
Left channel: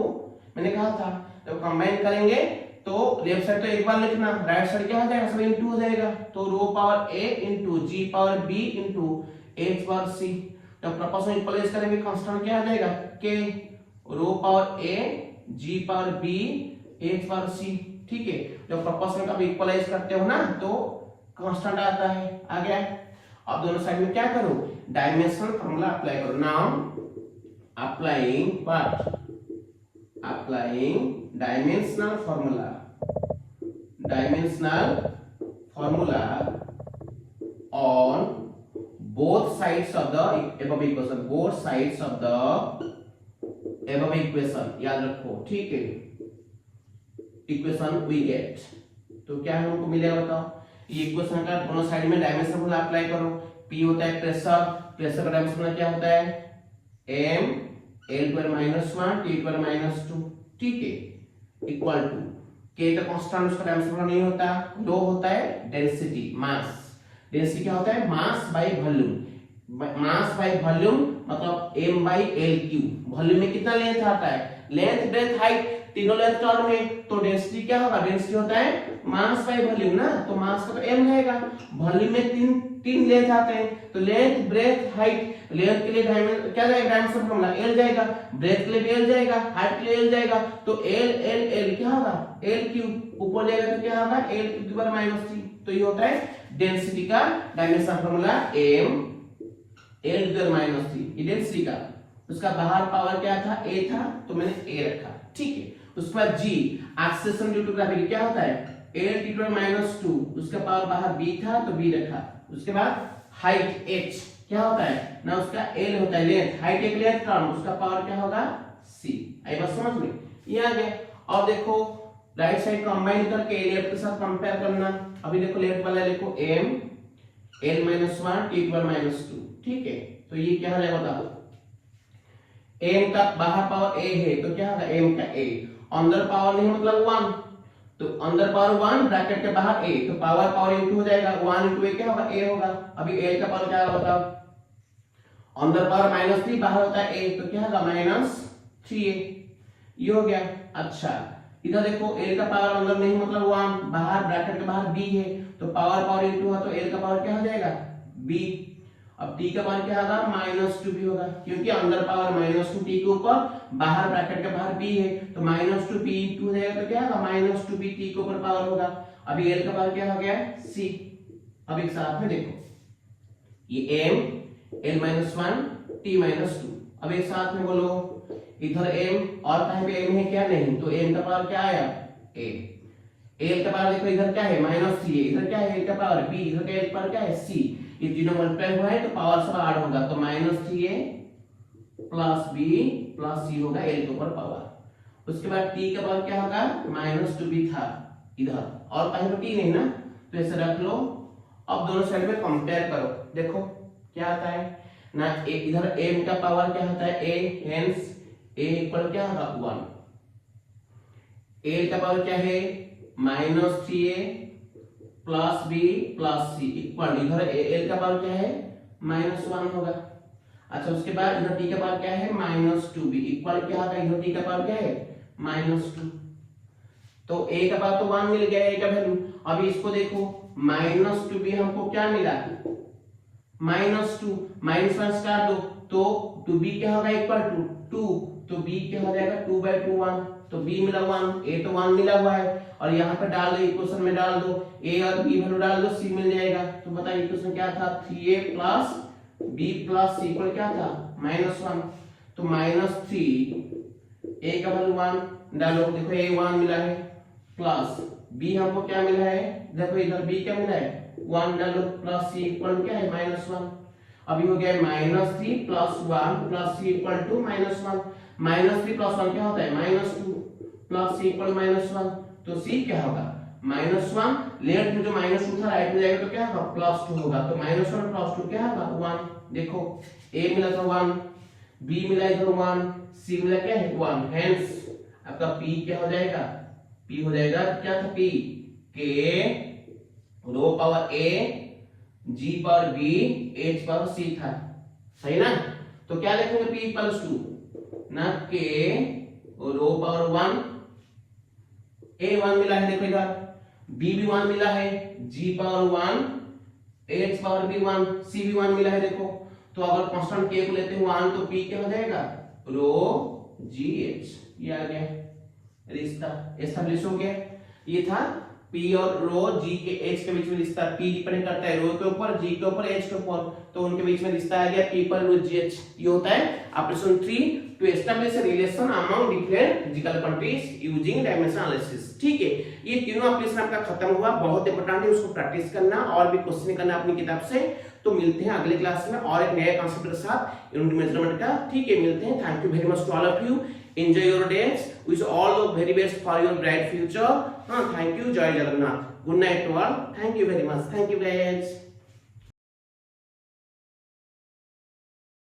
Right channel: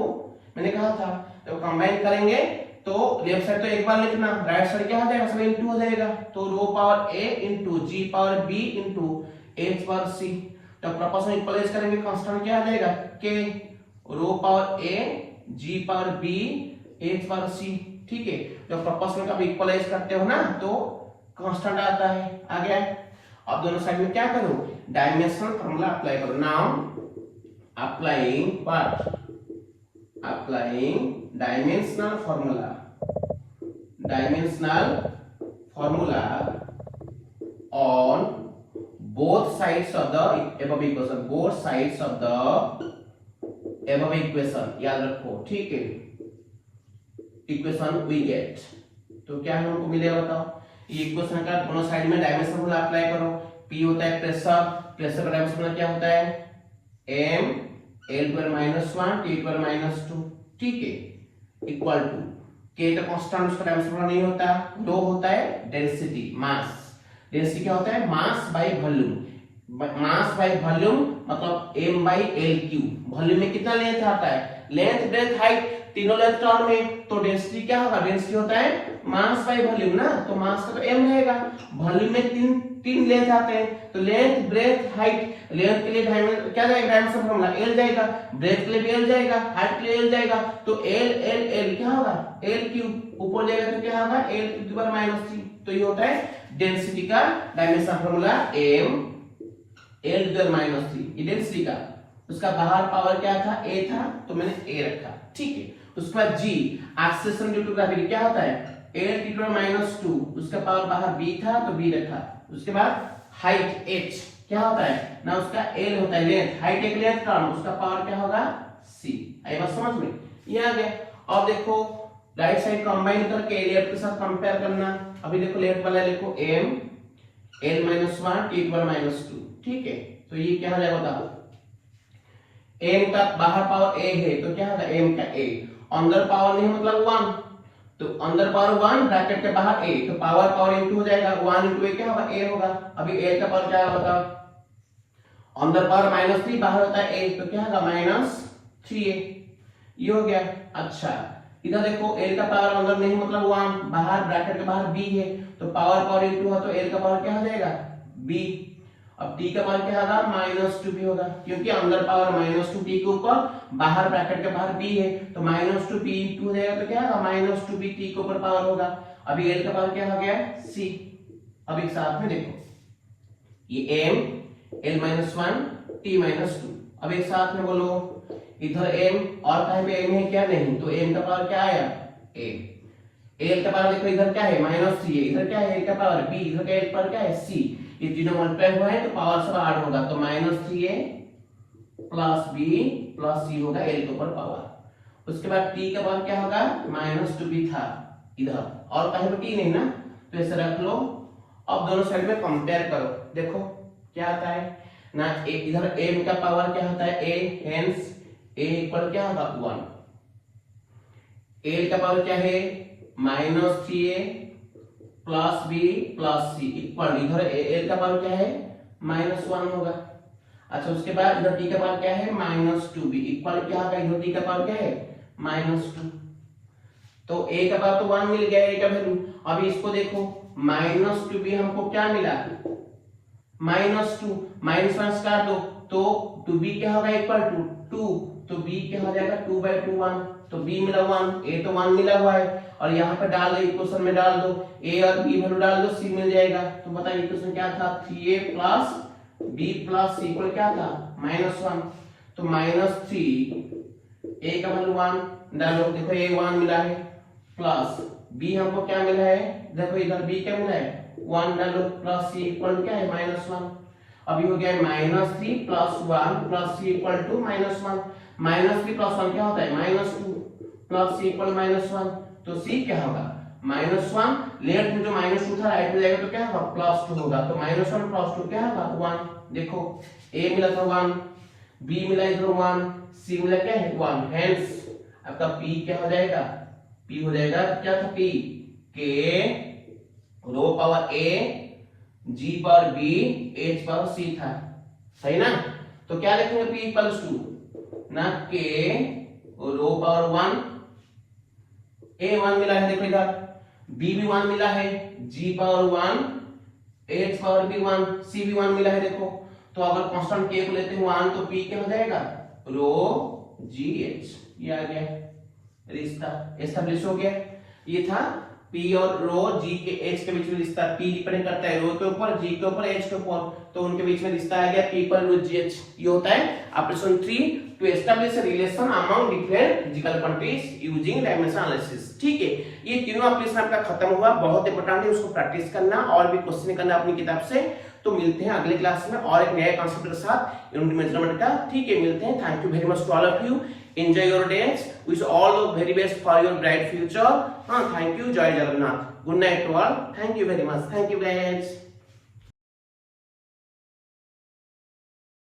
मैंने कहा था जब कंबाइन करेंगे तो लेफ्ट साइड तो एक बार लिखना, राइट साइड क्या आ जाएगा, सब इनटू हो जाएगा। तो rho power a into g power b into h power c। जब प्रोपोर्शनल इक्वलाइज करेंगे कांस्टेंट क्या आ जाएगा, k, rho power a g power b h power c। ठीक है, जब प्रोपोर्शनल का इक्वलाइज करते हो ना तो कांस्टेंट आता है, आ गया। अब दोनों साइड में क्या करो, डायमेंशनल फार्मूला अप्लाई करो। Now applying what, applying dimensional formula, dimensional formula on both sides of the above equation, both sides of the above equation, याद रखो। ठीक है, इक्वेशन वी गेट, तो क्या हमको मिलेगा बताओ, ये इक्वेशन का दोनों साइड में डायमेंशन फार्मूला अप्लाई करो। P होता है प्रेशर, प्रेशर का डायमेंशन क्या होता है, m L2 - 1 T2 - 2। ठीक है, इक्वल टू K का कांस्टेंट, उसका डायमेंशन नहीं होता, रो होता है डेंसिटी, मास। डेंसिटी क्या होता है, mass by volume, mass by volume मतलब m by l cube. Volume में कितना लेंथ आता है, लेंथ ब्रेथ हाइट तीनों लेंथ टर्म में, तो डेंसिटी क्या होगा, डेंसिटी होता है मास बाय वॉल्यूम ना, तो मास का तो m रहेगा। वॉल्यूम में तीन लेंथ आते हैं, तो लेंथ ब्रेथ हाइट, लेंथ के लिए क्या जाएगा, डायमेंशन फार्मूला l जाएगा, ब्रेथ के लिए भी l जाएगा, हाइट के लिए l जाएगा, तो l l l क्या होगा, l क्यूब, ऊपर लेगा तो क्या होगा, l टू द पावर -3। तो ये होता है डेंसिटी का dimension formula m l to the power -3, ये डेंसिटी का। उसका बाहर पावर क्या था, a था, तो मैंने a रखा। ठीक है, उसके बाद g, acceleration due to gravity क्या होता है, l टू द पावर -2, उसका पावर बाहर b था तो b रखा। उसके बाद हाइट h क्या होता है ना, उसका l होता है लेंथ, हाइट एक लेंथ टर्म, उसका पावर क्या होगा c। आई बात समझ में, ये आ गया। और देखो राइट साइड कंबाइन करके लेफ्ट के साथ कंपेयर करना। अभी देखो लेफ्ट वाला लिखो m L-1 T2 - 2। ठीक है, तो ये क्या हो जाएगा बताओ, m का बाहर पावर a है तो क्या होगा, m का a, अंदर पावर नहीं मतलब 1, तो अंदर पावर 1 ब्रैकेट के बाहर a, तो पावर पावर इनटू हो जाएगा, 1 इनटू a क्या होगा, a होगा। अभी a का पावर क्या होगा बताओ, अंदर पावर -3, बाहर होता है a, तो क्या होगा -3a, ये हो गया। अच्छा इधर देखो l का पावर अंदर नहीं मतलब 1, बाहर ब्रैकेट के बाहर b है, तो पावर पावर इनटू है तो l का पावर क्या हो जाएगा b। अब t का मान क्या होगा, -2b होगा, क्योंकि अंदर पावर -2t के ऊपर, बाहर ब्रैकेट के बाहर b है, तो -2b इनटू हो जाएगा तो क्या होगा -2b t के ऊपर पावर होगा। अभी l का पावर क्या हो गया c। अब एक साथ में देखो, ये m L-1 T-2, अब एक साथ में बोलो, इधर m और कहीं पे m है क्या, नहीं, तो m का पावर क्या आया a, l का पावर देखो इधर क्या है -3, इधर क्या है l का पावर b, इधर का l पर क्या है c, ये तीनों मल्टीप्लाई हुआ है तो पावर सब ऐड होगा, तो -3a + b + c होगा l के ऊपर पावर। उसके बाद t का पावर क्या होगा, -2b था इधर, और कहीं पे t नहीं ना, तो ऐसे रख लो। अब दोनों साइड में कंपेयर करो, देखो क्या आता है ना, इधर m का पावर क्या होता है a, हेंस a इक्वल क्या होगा 1, l का पावर क्या है -3a + b + c इक्वल, इधर l का पावर क्या है -1 होगा। अच्छा उसके बाद इधर t का पावर क्या है -2b इक्वल क्या होगा, इधर t का पावर क्या है -2, तो a का पावर तो 1 मिल गया, a का वैल्यू। अभी इसको देखो -2b हमको क्या मिला, -2, -1 काट दो तो 2b क्या होगा इक्वल टू 2, तो b क्या हो जाएगा 2/2 1, तो b मिला 1, a तो 1 मिला हुआ है, और यहाँ पे डाल दो इक्वेशन में, डाल दो a और b वैल्यू डाल दो, c मिल जाएगा। तो बताइए इक्वेशन क्या था, 3a + b + c इक्वल क्या था -1, तो -3 a का वैल्यू 1 डालो, देखो a 1 मिला है, प्लस b हमको क्या मिला है, देखो इधर b क्या मिला है 1 डालो, प्लस c इक्वल क्या है -1। अभी हो गया -3 + 1 + c इक्वल टू -1, -3 + 1 क्या होता है -2, प्लस c इक्वल -1, तो c क्या होगा -1, लेफ्ट में जो -2 था राइट में जाएगा तो क्या होगा +2 होगा, तो -1 + 2 क्या होगा 1। देखो a मिला था 1, b मिला इधर 1, c मिला क्या है 1, हेंस आपका p क्या हो जाएगा, p हो जाएगा क्या था p k rho power a g power b h power c था, सही ना। तो क्या लिखेंगे p = 2 ना k रो पावर 1 a 1 मिला है, देखो इधर b भी 1 मिला है, g पावर 1 h पावर भी 1 c भी 1 मिला है। देखो तो अगर कांस्टेंट k को लेते हैं 1 तो p क्या हो जाएगा रो g h, ये आ गया रिश्ता एस्टैब्लिश हो गया। ये था p और रो g के h के बीच में रिश्ता, p डिपेंड करता है रो के ऊपर, g के ऊपर, h के ऊपर, तो उनके बीच में रिश्ता आ गया p पर रो g h। ये होता है operation 3 to establish a relation among different physical quantities using dimension analysis. ठीक है, ये तीनों ऑपरेशन आपका खत्म हुआ, बहुत इंपॉर्टेंट है, उसको प्रैक्टिस करना और भी क्वेश्चन करना अपनी किताब से। तो मिलते हैं अगले क्लास में और एक नया कॉन्सेप्ट के साथ यूनिट मेजरमेंट का। ठीक है, मिलते हैं। Thank you very much to all of you, enjoy your days, wish all the very best for your bright future. Thank you, Jai Jagannath. Good night to all. Thank you very much. Thank you guys.